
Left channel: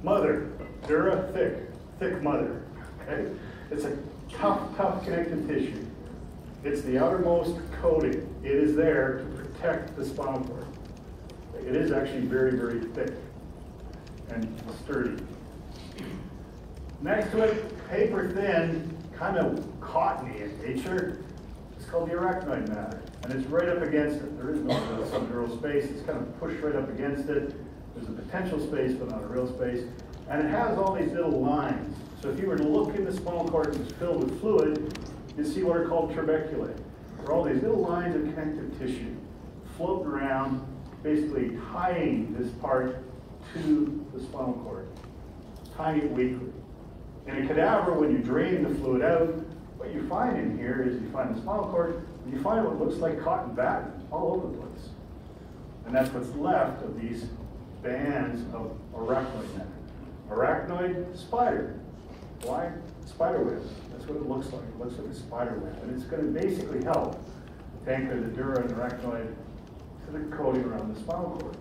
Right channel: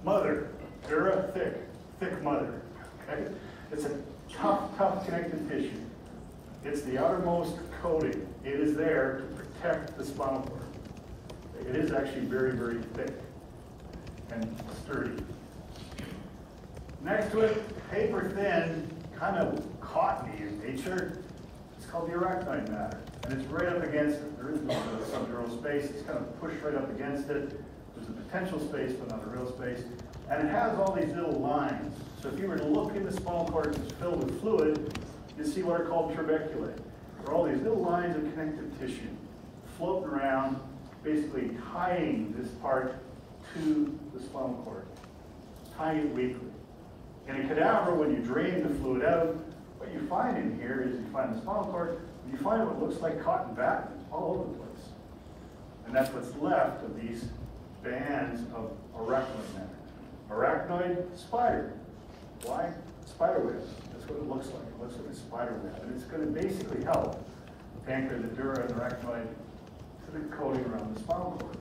mother. Dura, thick. Thick mother. Okay? It's a tough connective tissue. It's the outermost coating. It is there to protect the spinal cord. It is actually very, very thick and sturdy. Next to it, paper thin, kind of cottony in nature. It's called the arachnoid matter. and it's right up against it. There is no subdural space. It's kind of pushed right up against it. There's a potential space, but not a real space. And it has all these little lines. So if you were to look in the spinal cord and it's filled with fluid, you'd see what are called trabeculae. There are all these little lines of connective tissue floating around, basically tying this part to the spinal cord, tying it weakly. In a cadaver, when you drain the fluid out, what you find in here is you find the spinal cord, and you find what looks like cotton batting all over the place. And that's what's left of these bands of arachnoid matter. Arachnoid spider. Why? Spider webs. That's what it looks like. It looks like a spider web. And it's going to basically help anchor the dura and arachnoid to the coating around the spinal cord.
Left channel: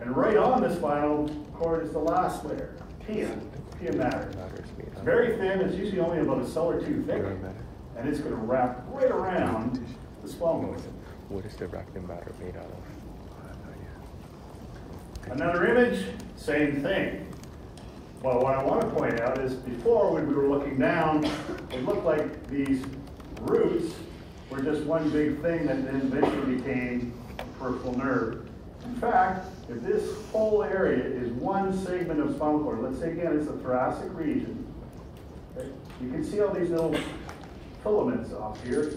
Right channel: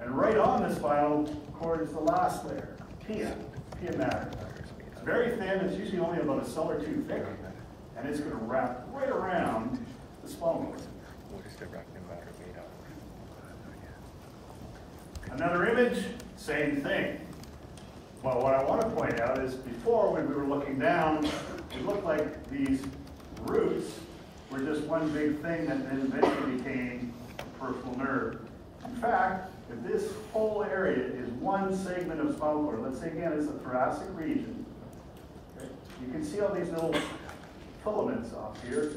And right on the spinal cord is the last layer, pia matter. It's very thin. It's usually only about a cell or two thick. And it's going to wrap right around the spinal cord. Another image, same thing. Well, what I want to point out is before, when we were looking down, it looked like these roots were just one big thing that then eventually became a peripheral nerve. In fact, if this whole area is one segment of spinal cord, let's say again it's the thoracic region, okay? You can see all these little filaments off here.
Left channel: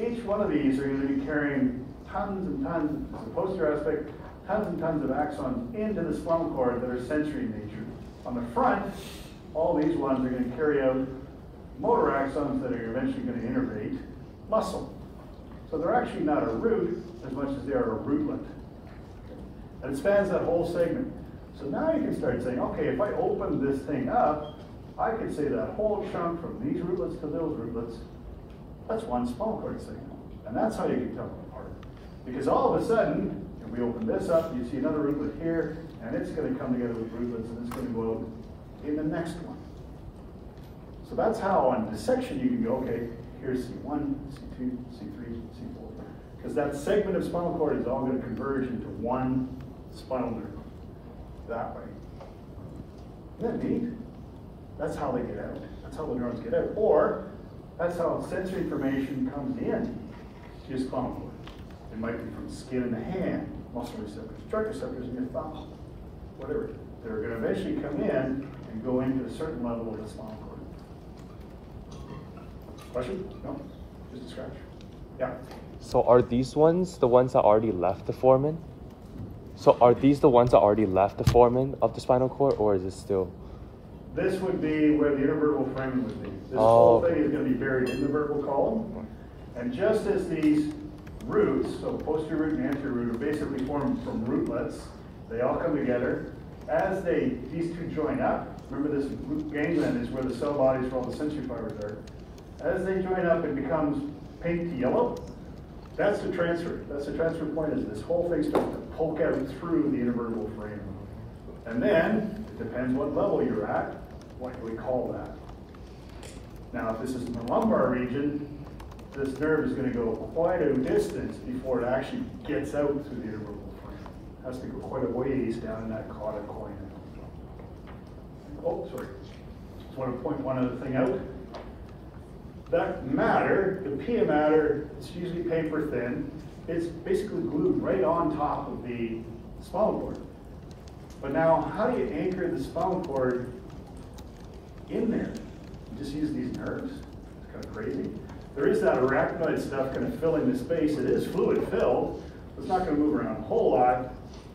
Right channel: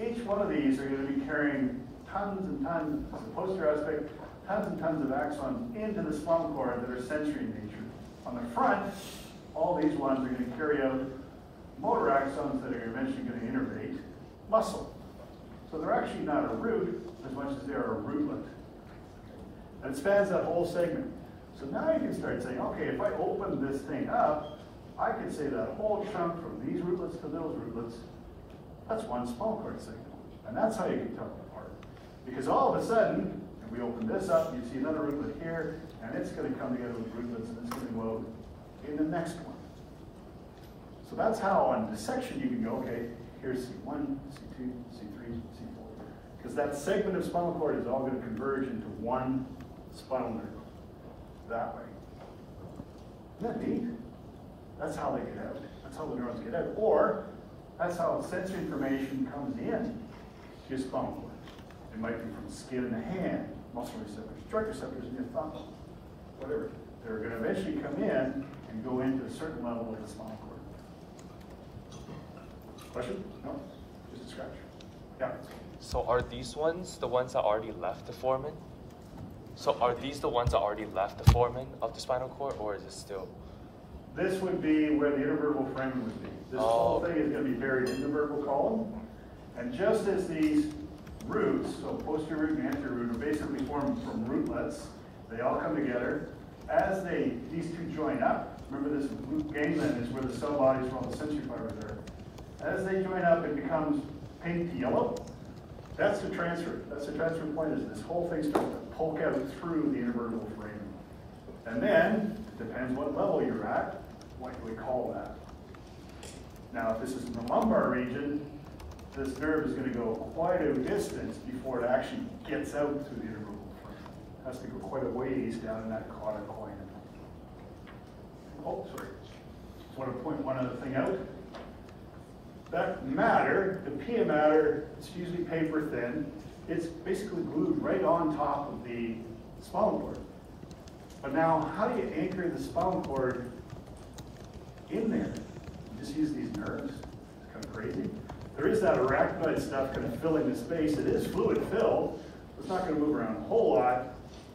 Each one of these are going to be carrying tons and tons, as a posterior aspect, tons and tons of axons into the spinal cord that are sensory in nature. On the front, all these ones are going to carry out motor axons that are eventually going to innervate muscle. So they're actually not a root as much as they are a rootlet. And it spans that whole segment. So now you can start saying, okay, if I open this thing up, I could say that whole chunk from these rootlets to those rootlets, that's one spinal cord signal. And that's how you can tell them apart. Because all of a sudden, if we open this up, you see another rootlet here, and it's going to come together with rootlets, and it's going to go out in the next one. So that's how on dissection you can go, okay, here's C1, C2, C3, C4. Because that segment of spinal cord is all going to converge into one spinal nerve that way. Isn't that neat? That's how they get out. That's how the neurons get out. Or that's how sensory information comes in to your spinal cord. It might be from skin in the hand, muscle receptors, jerk receptors in your thumb, whatever. They're going to eventually come in and go into a certain level of the spinal cord. Question? No? Just a scratch. Yeah. So are these ones the ones that already left the foramen? So are these the ones that already left the foramen of the spinal cord, or is it still? This would be where the intervertebral foramen would be. This whole thing is going to be buried in the vertebral column. And just as these roots, so posterior root and anterior root, are basically formed from rootlets, they all come together. As these two join up, remember this root ganglion is where the cell bodies for all the sensory fibers are. As they join up, it becomes pink to yellow. That's the transfer. That's the transfer point, is this whole thing starts to poke out through the intervertebral foramen. And then, it depends what level you're at, what do we call that? Now, if this is in the lumbar region, this nerve is going to go quite a distance before it actually gets out through the intervertebral foramen. It has to go quite a ways down in that caudate coin. Oh, sorry. Just want to point one other thing out. That matter, the pia matter, it's usually paper thin. It's basically glued right on top of the spinal cord. But now, how do you anchor the spinal cord in there? You just use these nerves. It's kind of crazy. There is that arachnoid stuff kind of filling the space. It is fluid filled. It's not going to move around a whole lot.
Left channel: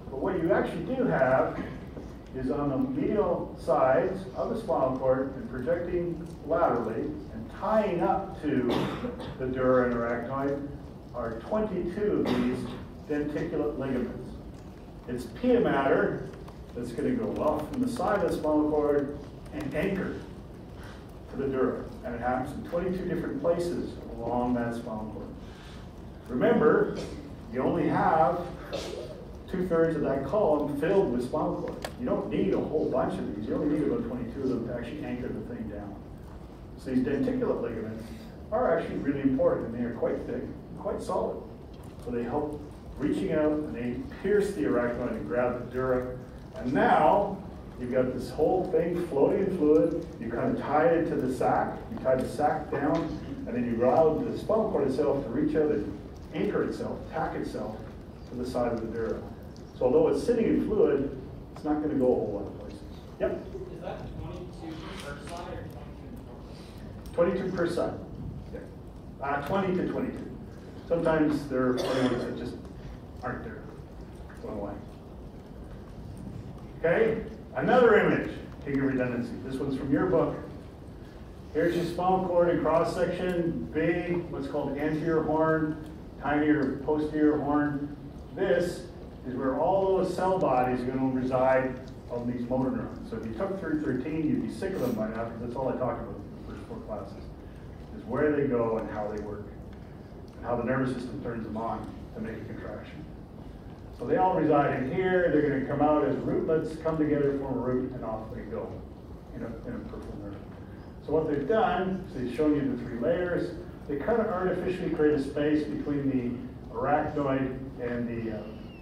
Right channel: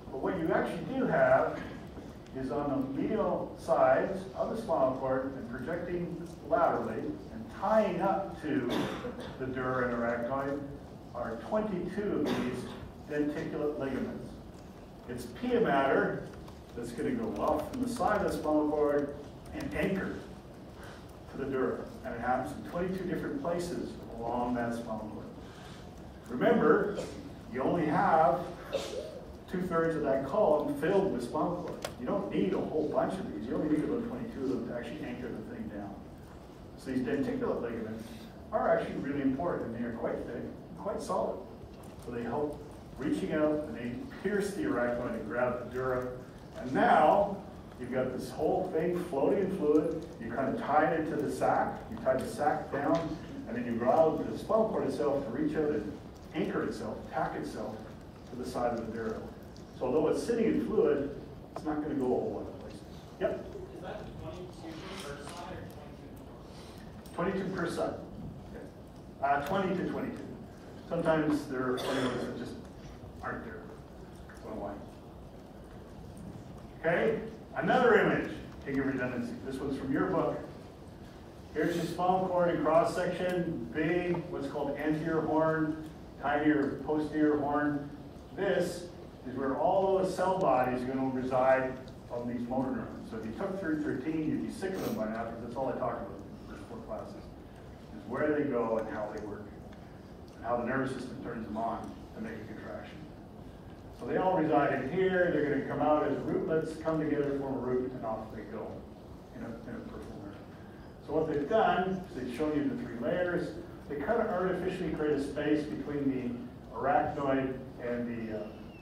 But what you actually do have is on the medial sides of the spinal cord and projecting laterally and tying up to the dura and arachnoid are 22 of these denticulate ligaments. It's pia matter that's going to go off from the side of the spinal cord and anchor to the dura. And it happens in 22 different places along that spinal cord. Remember, you only have 2/3 of that column filled with spinal cord. You don't need a whole bunch of these. You only need about 22 of them to actually anchor the thing down. So these denticulate ligaments are actually really important. They are quite thick, quite solid. So they help reaching out, and they pierce the arachnoid and grab the dura. And now you've got this whole thing floating in fluid. You kind of tie it into the sac. You tie the sac down, and then you allow the spinal cord itself to reach out and anchor itself, tack itself to the side of the dura. So although it's sitting in fluid, it's not going to go a whole lot of places. Yep? Is that 22 per side or 22 per side. 20 to 22. Sometimes there are areas that just aren't there. What do I? Okay, another image, king of redundancy. This one's from your book. Here's your spinal cord in cross section, big, what's called anterior horn, tinier posterior horn. This is where all those cell bodies are going to reside on these motor neurons. So if you took 313, you'd be sick of them by now, because that's all I talked about in the first 4 classes, is where they go and how they work, and how the nervous system turns them on to make a contraction. So they all reside in here. They're going to come out as rootlets, come together, form a root, and off they go in a peripheral nerve. So what they've done is they've shown you the 3 layers. They kind of artificially create a space between the arachnoid and the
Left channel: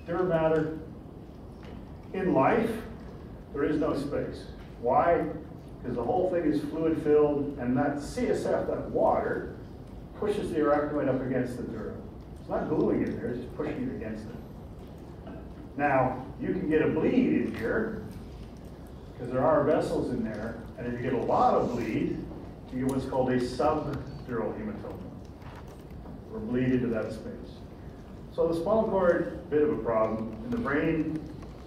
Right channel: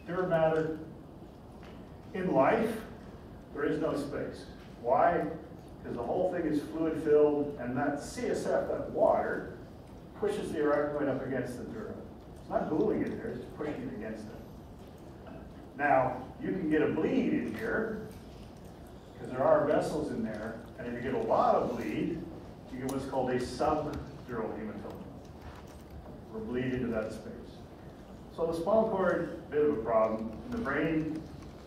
dura mater. In life, there is no space. Why? Because the whole thing is fluid filled, and that CSF, that water, pushes the arachnoid up against the dura. It's not gluing it there, it's just pushing it against it. Now, you can get a bleed in here, because there are vessels in there, and if you get a lot of bleed, you get what's called a subdural hematoma, or bleed into that space. So the spinal cord, bit of a problem. In the brain,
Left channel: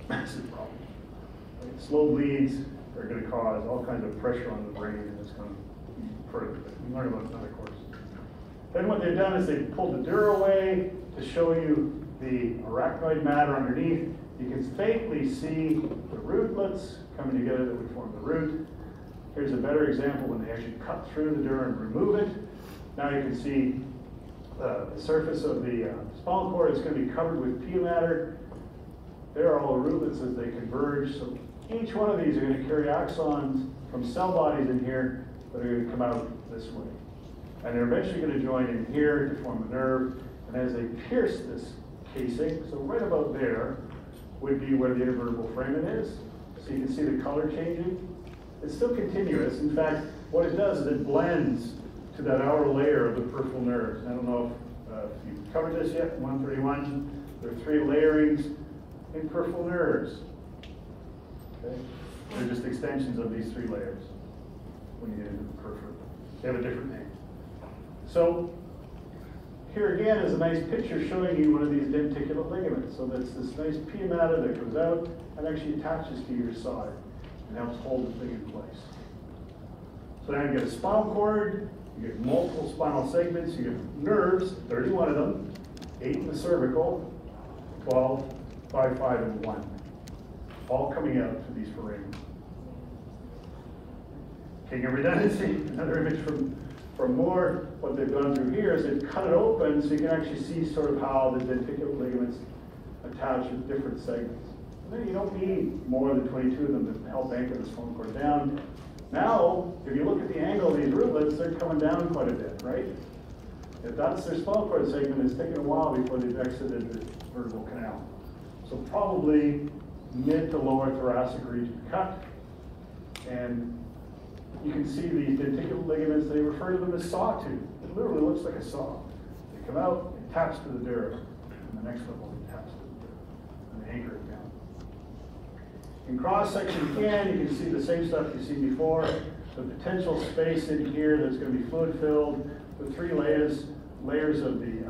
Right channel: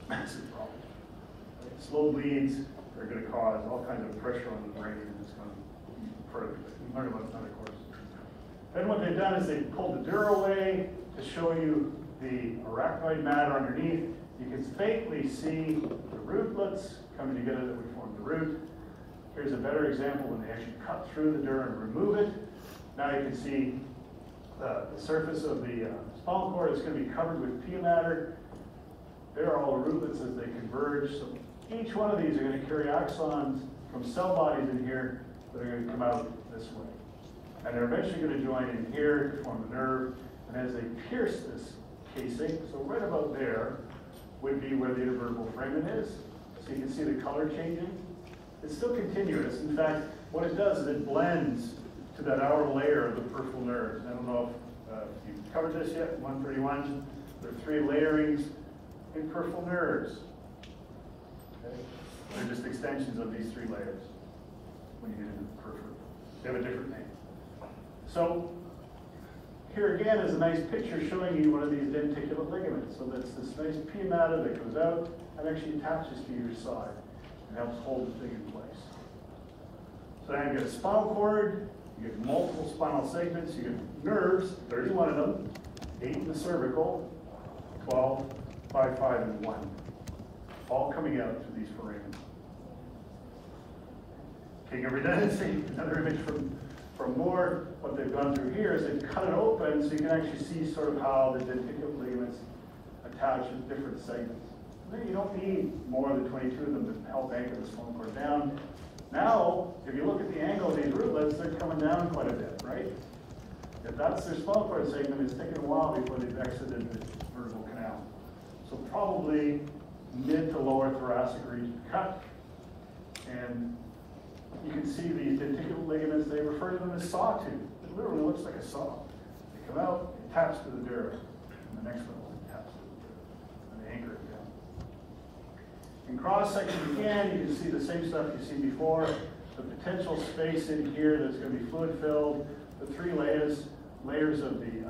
massive problem. Like slow bleeds are going to cause all kinds of pressure on the brain, and it's going to further. We'll learn about another course. Then what they've done is they've pulled the dura away to show you the arachnoid matter underneath. You can faintly see the rootlets coming together that would form the root. Here's a better example when they actually cut through the dura and remove it. Now you can see the surface of the spinal cord is going to be covered with pia matter. There are all the rootlets as they converge. So each one of these are going to carry axons from cell bodies in here that are going to come out this way. And they're eventually going to join in here to form a nerve. And as they pierce this casing, so right about there would be where the intervertebral foramen is. So you can see the color changing. It's still continuous. In fact, what it does is it blends to that outer layer of the peripheral nerves. I don't know if you've covered this yet, 131. There are 3 layerings in peripheral nerves. Okay? They're just extensions of these 3 layers when you get into the peripheral. They have a different name. So here again is a nice picture showing you one of these denticulate ligaments. So that's this nice pia mater that goes out and actually attaches to your side and helps hold the thing in place. So now you get a spinal cord, you get multiple spinal segments, you get nerves, 31 of them, 8 in the cervical, 12, 5, 5, and 1. All coming out through these foramens. King of redundancy, another image from Moore. What they've done through here is they've cut it open so you can actually see sort of how the denticulate ligaments attach to different segments. And then you don't need more than 22 of them to help anchor the spinal cord down. Now, if you look at the angle of these rootlets, they're coming down quite a bit, right? If that's their spinal cord segment, it's taken a while before they've exited the vertebral canal. So probably mid to lower thoracic region cut. And you can see these denticulate ligaments, they refer to them as sawtooth. It literally looks like a saw. They come out, attach to the dura, and the next one will attach to the dura, and anchor it down. In cross section again, you can see the same stuff you've seen before. The potential space in here that's going to be fluid filled, the 3 layers of the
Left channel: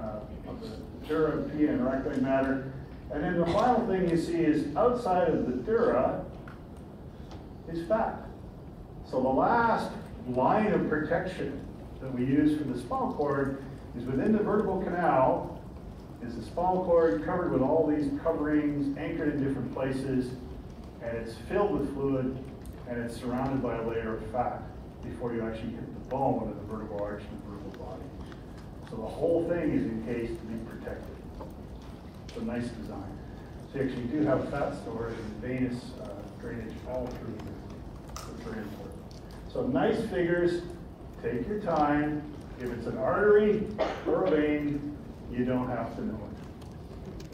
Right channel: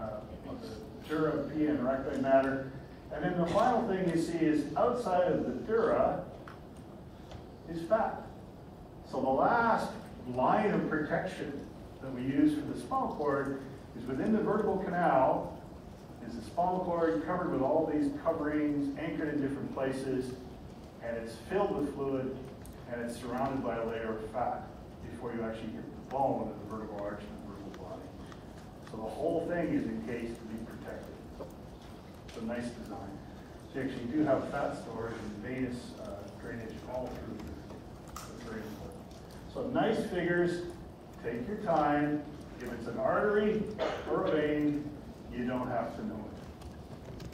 dura, pia, and arachnoid matter. And then the final thing you see is outside of the dura is fat. So the last line of protection that we use for the spinal cord is within the vertebral canal is the spinal cord covered with all these coverings, anchored in different places, and it's filled with fluid, and it's surrounded by a layer of fat before you actually hit the bone of the vertebral arch and the vertebral body. So the whole thing is encased to be protected. It's a nice design. So you actually do have fat storage and venous drainage all through here. That's very important. So nice figures, take your time. If it's an artery or a vein, you don't have to know it.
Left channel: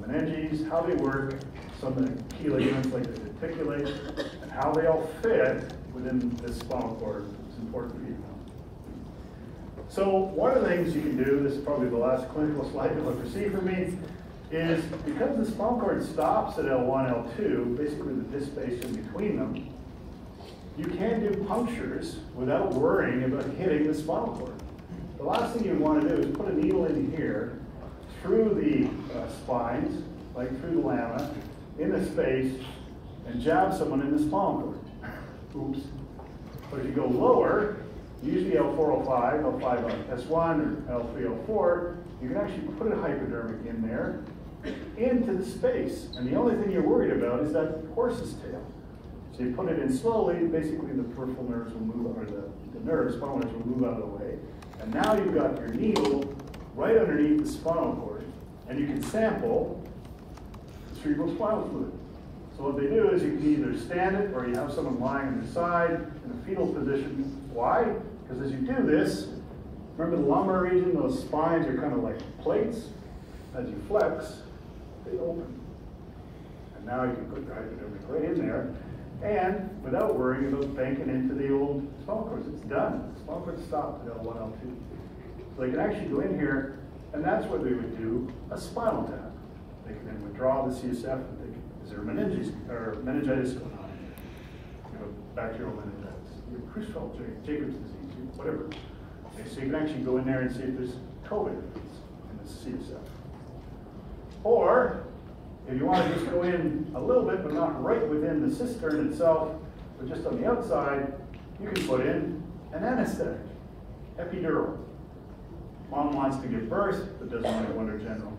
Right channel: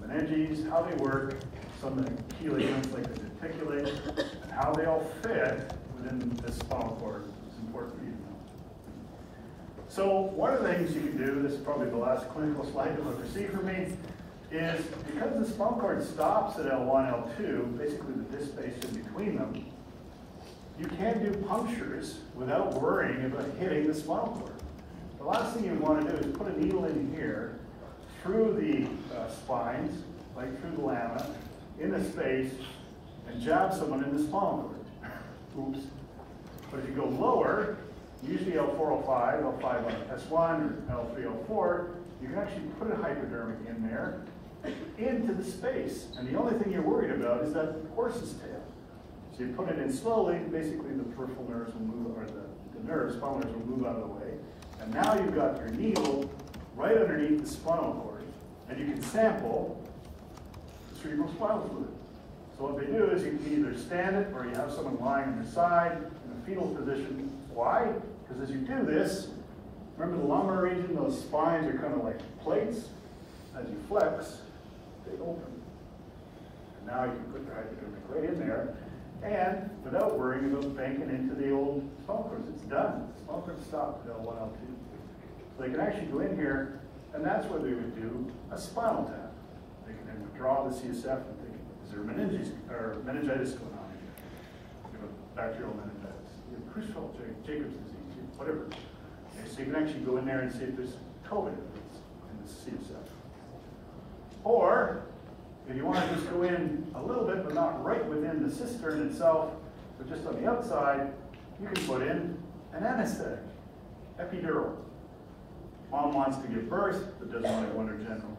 The meninges, how they work, some of the key ligaments like they denticulate, and how they all fit within this spinal cord. It's important for you to know. So one of the things you can do, this is probably the last clinical slide you'll ever see from me, is because the spinal cord stops at L1, L2, basically the disc space in between them, you can do punctures without worrying about hitting the spinal cord. The last thing you want to do is put a needle in here, through the spines, like through the lamina, in the space, and jab someone in the spinal cord. Oops. But if you go lower, usually L4, L5, L5 on S1, or L3, L4, you can actually put a hypodermic in there, into the space. And the only thing you're worried about is that horse's tail. So you put it in slowly, basically the peripheral nerves will move, or the nerves, spinal nerves will move out of the way. And now you've got your needle right underneath the spinal cord, and you can sample the cerebrospinal fluid. So what they do is you can either stand it, or you have someone lying on the side in a fetal position. Why? Because as you do this, remember the lumbar region, those spines are kind of like plates. As you flex, they open. And now you can put the hypodermic right in there, and without worrying about banking into the old spinal cords, it's done. The spinal cord stopped at L1, L2. So they can actually go in here, and that's where they would do a spinal tap. They can then withdraw the CSF and think, is there meningitis going on? You know, bacterial meningitis, Creutzfeldt, Jacob's disease, whatever. Okay, so you can actually go in there and see if there's COVID in the CSF. Or, if you want to just go in a little bit, but not right within the cistern itself, but just on the outside, you can put in an anesthetic, epidural. Mom wants to give birth, but doesn't want to go under general.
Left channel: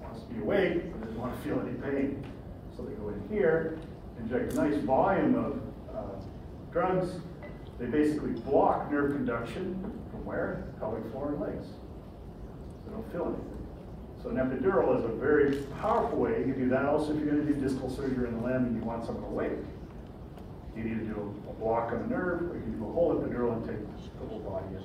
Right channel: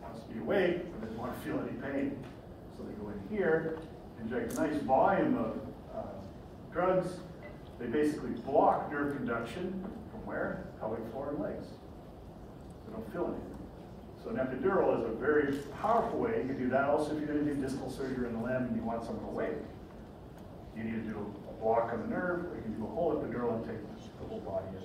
Wants to be awake, but doesn't want to feel any pain. So they go in here, inject a nice volume of drugs. They basically block nerve conduction from where? Pelvic floor and legs. So they don't feel anything. So an epidural is a very powerful way. You can do that also if you're going to do distal surgery on the limb and you want someone awake. You need to do a block on the nerve, or you can do a whole epidural and take the whole body in.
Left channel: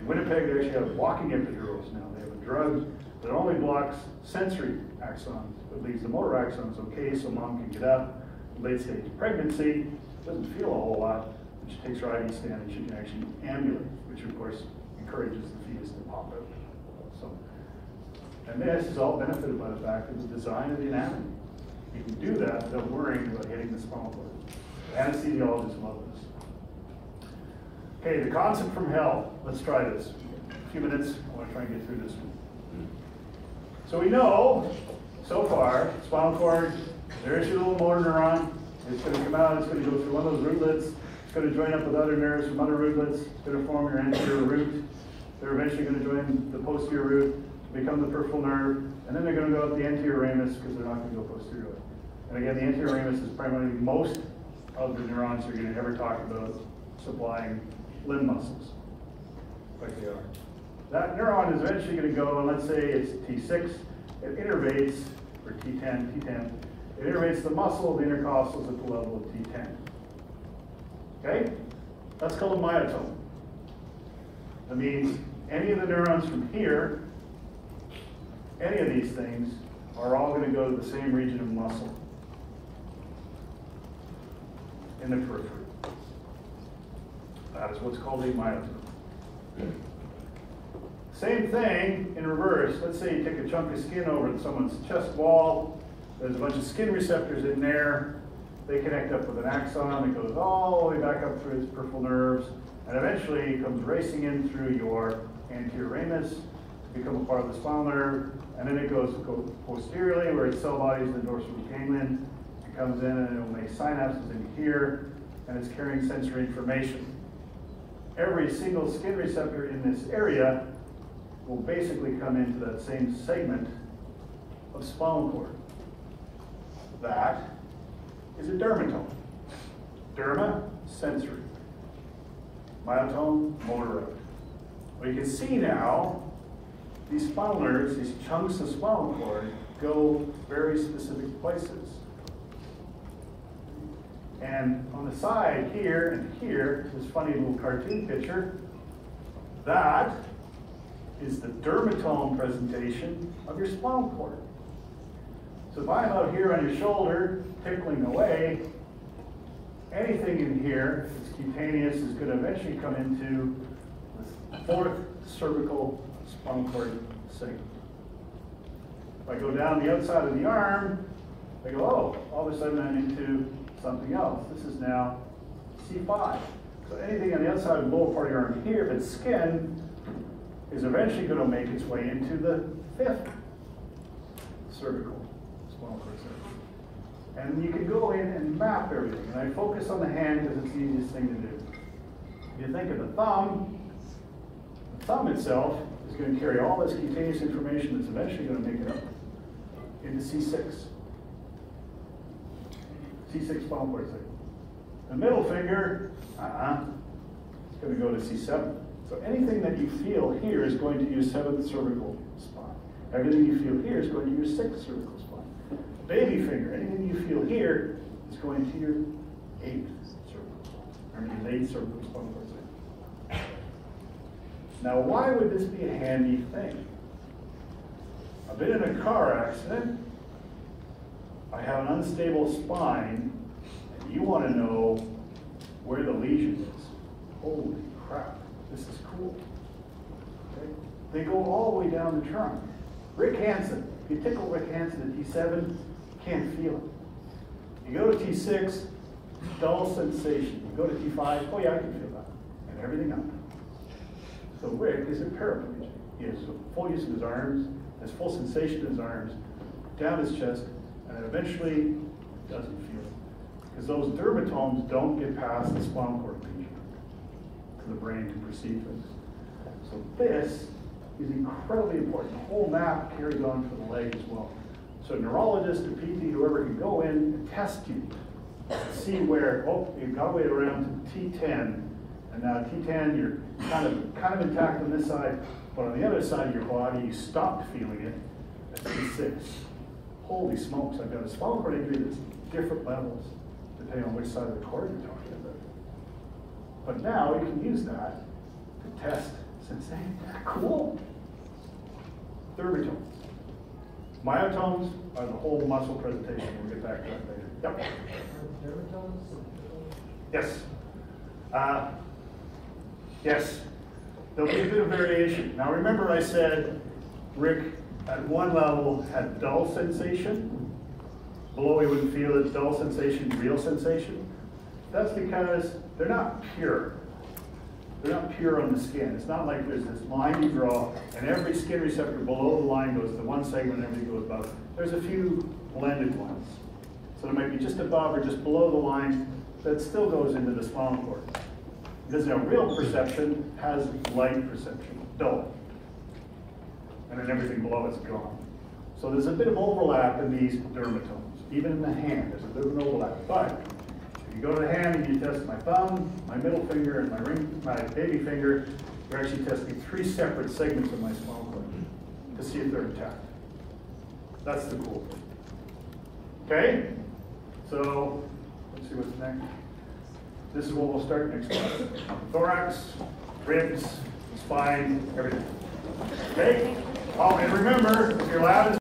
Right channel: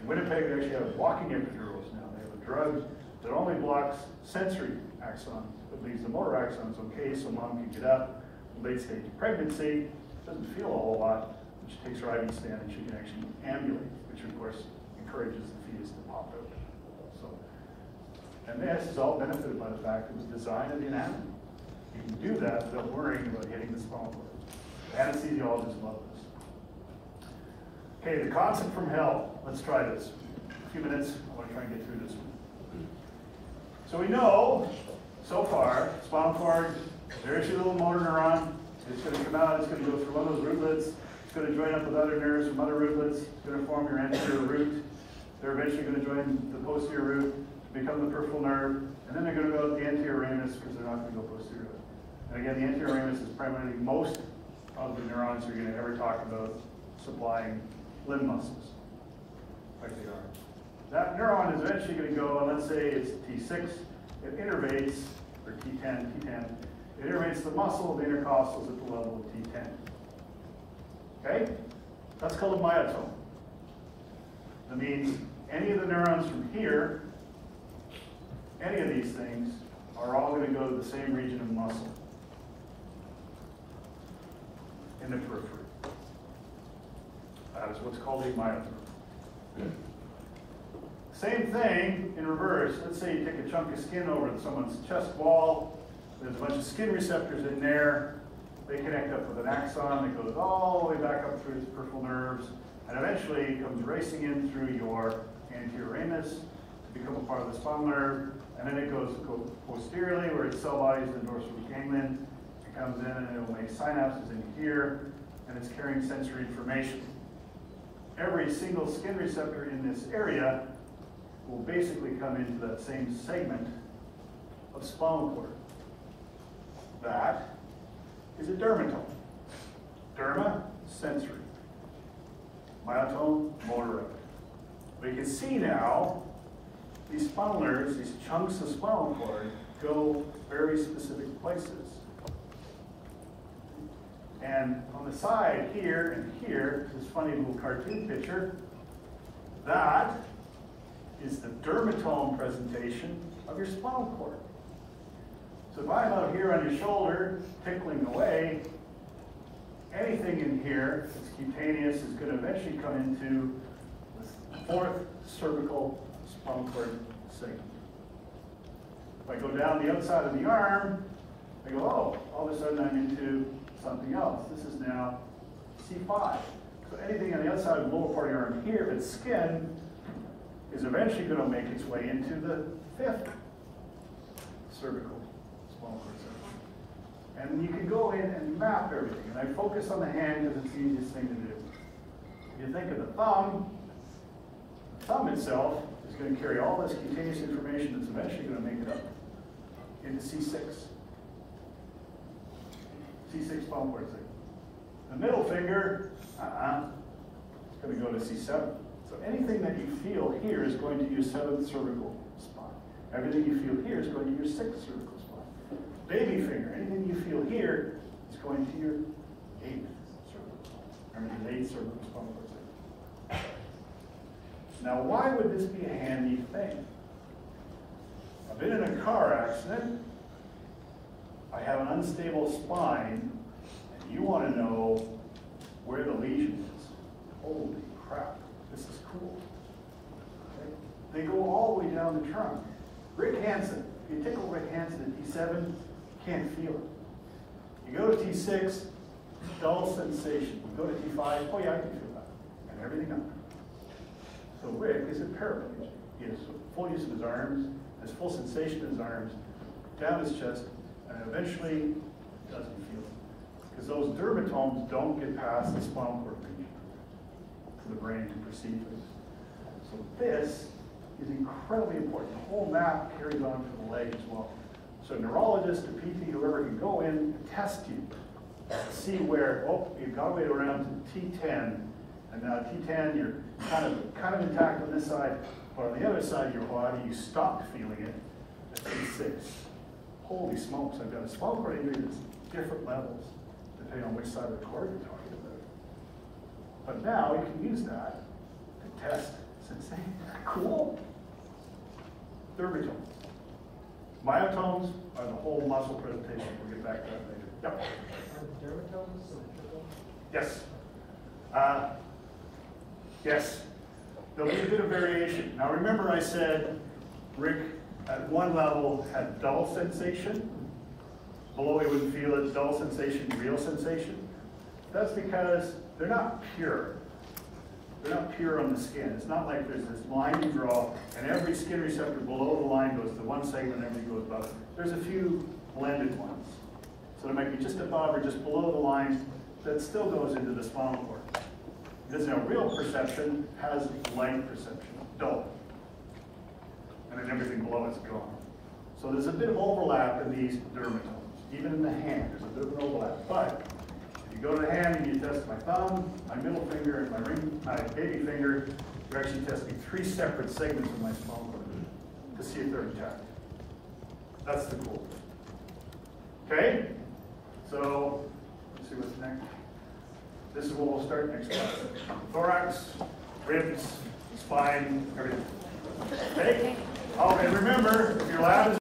In Winnipeg, they actually have walking epidurals now. They have a drug that only blocks sensory axons, but leaves the motor axons okay, so mom can get up. Late stage pregnancy, doesn't feel a whole lot, but she takes her IV stand and she can actually ambulate, which of course encourages the fetus to pop out. So, and this is all benefited by the fact of the design of the anatomy. You can do that without worrying about hitting the spinal cord. Anesthesiologists love this. Okay, the concept from hell. Let's try this. A few minutes, I want to try and get through this one. So we know, so far, spinal cord, there's your little motor neuron. It's going to come out, it's going to go through one of those rootlets. It's going to join up with other nerves from other rootlets. It's going to form your anterior root. They're eventually going to join the posterior root to become the peripheral nerve. And then they're going to go up the anterior ramus because they're not going to go posteriorly. And again, the anterior ramus is primarily most of the neurons you're going to ever talk about supplying limb muscles, like they are. That neuron is eventually going to go, and let's say it's T6, it innervates, or T10, it innervates the muscle of the intercostals at the level of T10. Okay? That's called a myotome. That means any of the neurons from here, any of these things, are all going to go to the same region of muscle in the periphery. That is what's called a myotome. Same thing in reverse. Let's say you take a chunk of skin over someone's chest wall. There's a bunch of skin receptors in there. They connect up with an axon that goes all the way back up through its peripheral nerves, and eventually it comes racing in through your anterior ramus to become a part of the spinal nerve, and then it goes posteriorly where its cell body is the dorsal root ganglion. It comes in and it will make synapses in here, and it's carrying sensory information. Every single skin receptor in this area will basically come into that same segment of spinal cord. That is a dermatome. Derma, sensory. Myotome, motor out. But you can see now, these spinal nerves, these chunks of spinal cord, go very specific places. And on the side here and here, this funny little cartoon picture, that is the dermatome presentation of your spinal cord. So if I'm out here on your shoulder, tickling away, anything in here that's cutaneous is going to eventually come into fourth cervical spinal cord segment. If I go down the outside of the arm, I go, oh, all of a sudden I'm into something else. This is now C5. So anything on the outside of the lower part of the arm here, if it's skin, is eventually going to make its way into the fifth cervical spinal cord segment. And you can go in and map everything. And I focus on the hand because it's the easiest thing to do. If you think of the thumb itself is going to carry all this cutaneous information that's eventually going to make it up into C6. C6 spinal cord segment. The middle finger, it's going to go to C7. So anything that you feel here is going to your seventh cervical spine. Everything you feel here is going to your sixth cervical spine. Baby finger, anything you feel here is going to your eighth cervical spine. Remember, the eighth cervical spinal cord segment. Now, why would this be a handy thing? I've been in a car accident. I have an unstable spine, and you want to know where the lesion is. Holy crap, this is cool. Okay? They go all the way down the trunk. Rick Hansen, if you tickle Rick Hansen at T7, can't feel it. You go to T6, dull sensation. You go to T5, oh yeah, I can feel that. And everything else. So Rick is a paraplegic. He has full use of his arms, has full sensation in his arms, down his chest, and eventually doesn't feel it. Because those dermatomes don't get past the spinal cord region to the brain to perceive things. So this is incredibly important. The whole map carries on to the leg as well. So a neurologist or PT, whoever can go in and test you, see where, oh, you've got to wait around to T10, and now T10, you're kind of intact on this side, but on the other side of your body, you stopped feeling it at T6. Holy smokes, I've got a spinal cord injury that's different levels, depending on which side of the cord you're talking about. But now you can use that to test sensation. Cool. Dermatomes. Myotomes are the whole muscle presentation. We'll get back to that later. Yep. Yes. Yes. There'll be a bit of variation. Now remember I said Rick at one level had dull sensation. Below he wouldn't feel it. Dull sensation, real sensation. That's because they're not pure. They're not pure on the skin. It's not like there's this line you draw and every skin receptor below the line goes to one segment and everything goes above. There's a few blended ones. So there might be just above or just below the line that still goes into the spinal cord. Because real perception has light perception, dull. And then everything below it's gone. So there's a bit of overlap in these dermatomes. Even in the hand, there's a bit of an overlap. But if you go to the hand and you test my thumb, my middle finger, and my baby finger, you're actually testing 3 separate segments of my spinal cord to see if they're intact. That's the cool thing. Okay? So, let's see what's next. This is what we'll start next class. Thorax, ribs, spine, everything. Okay? Oh, and remember, if your lab is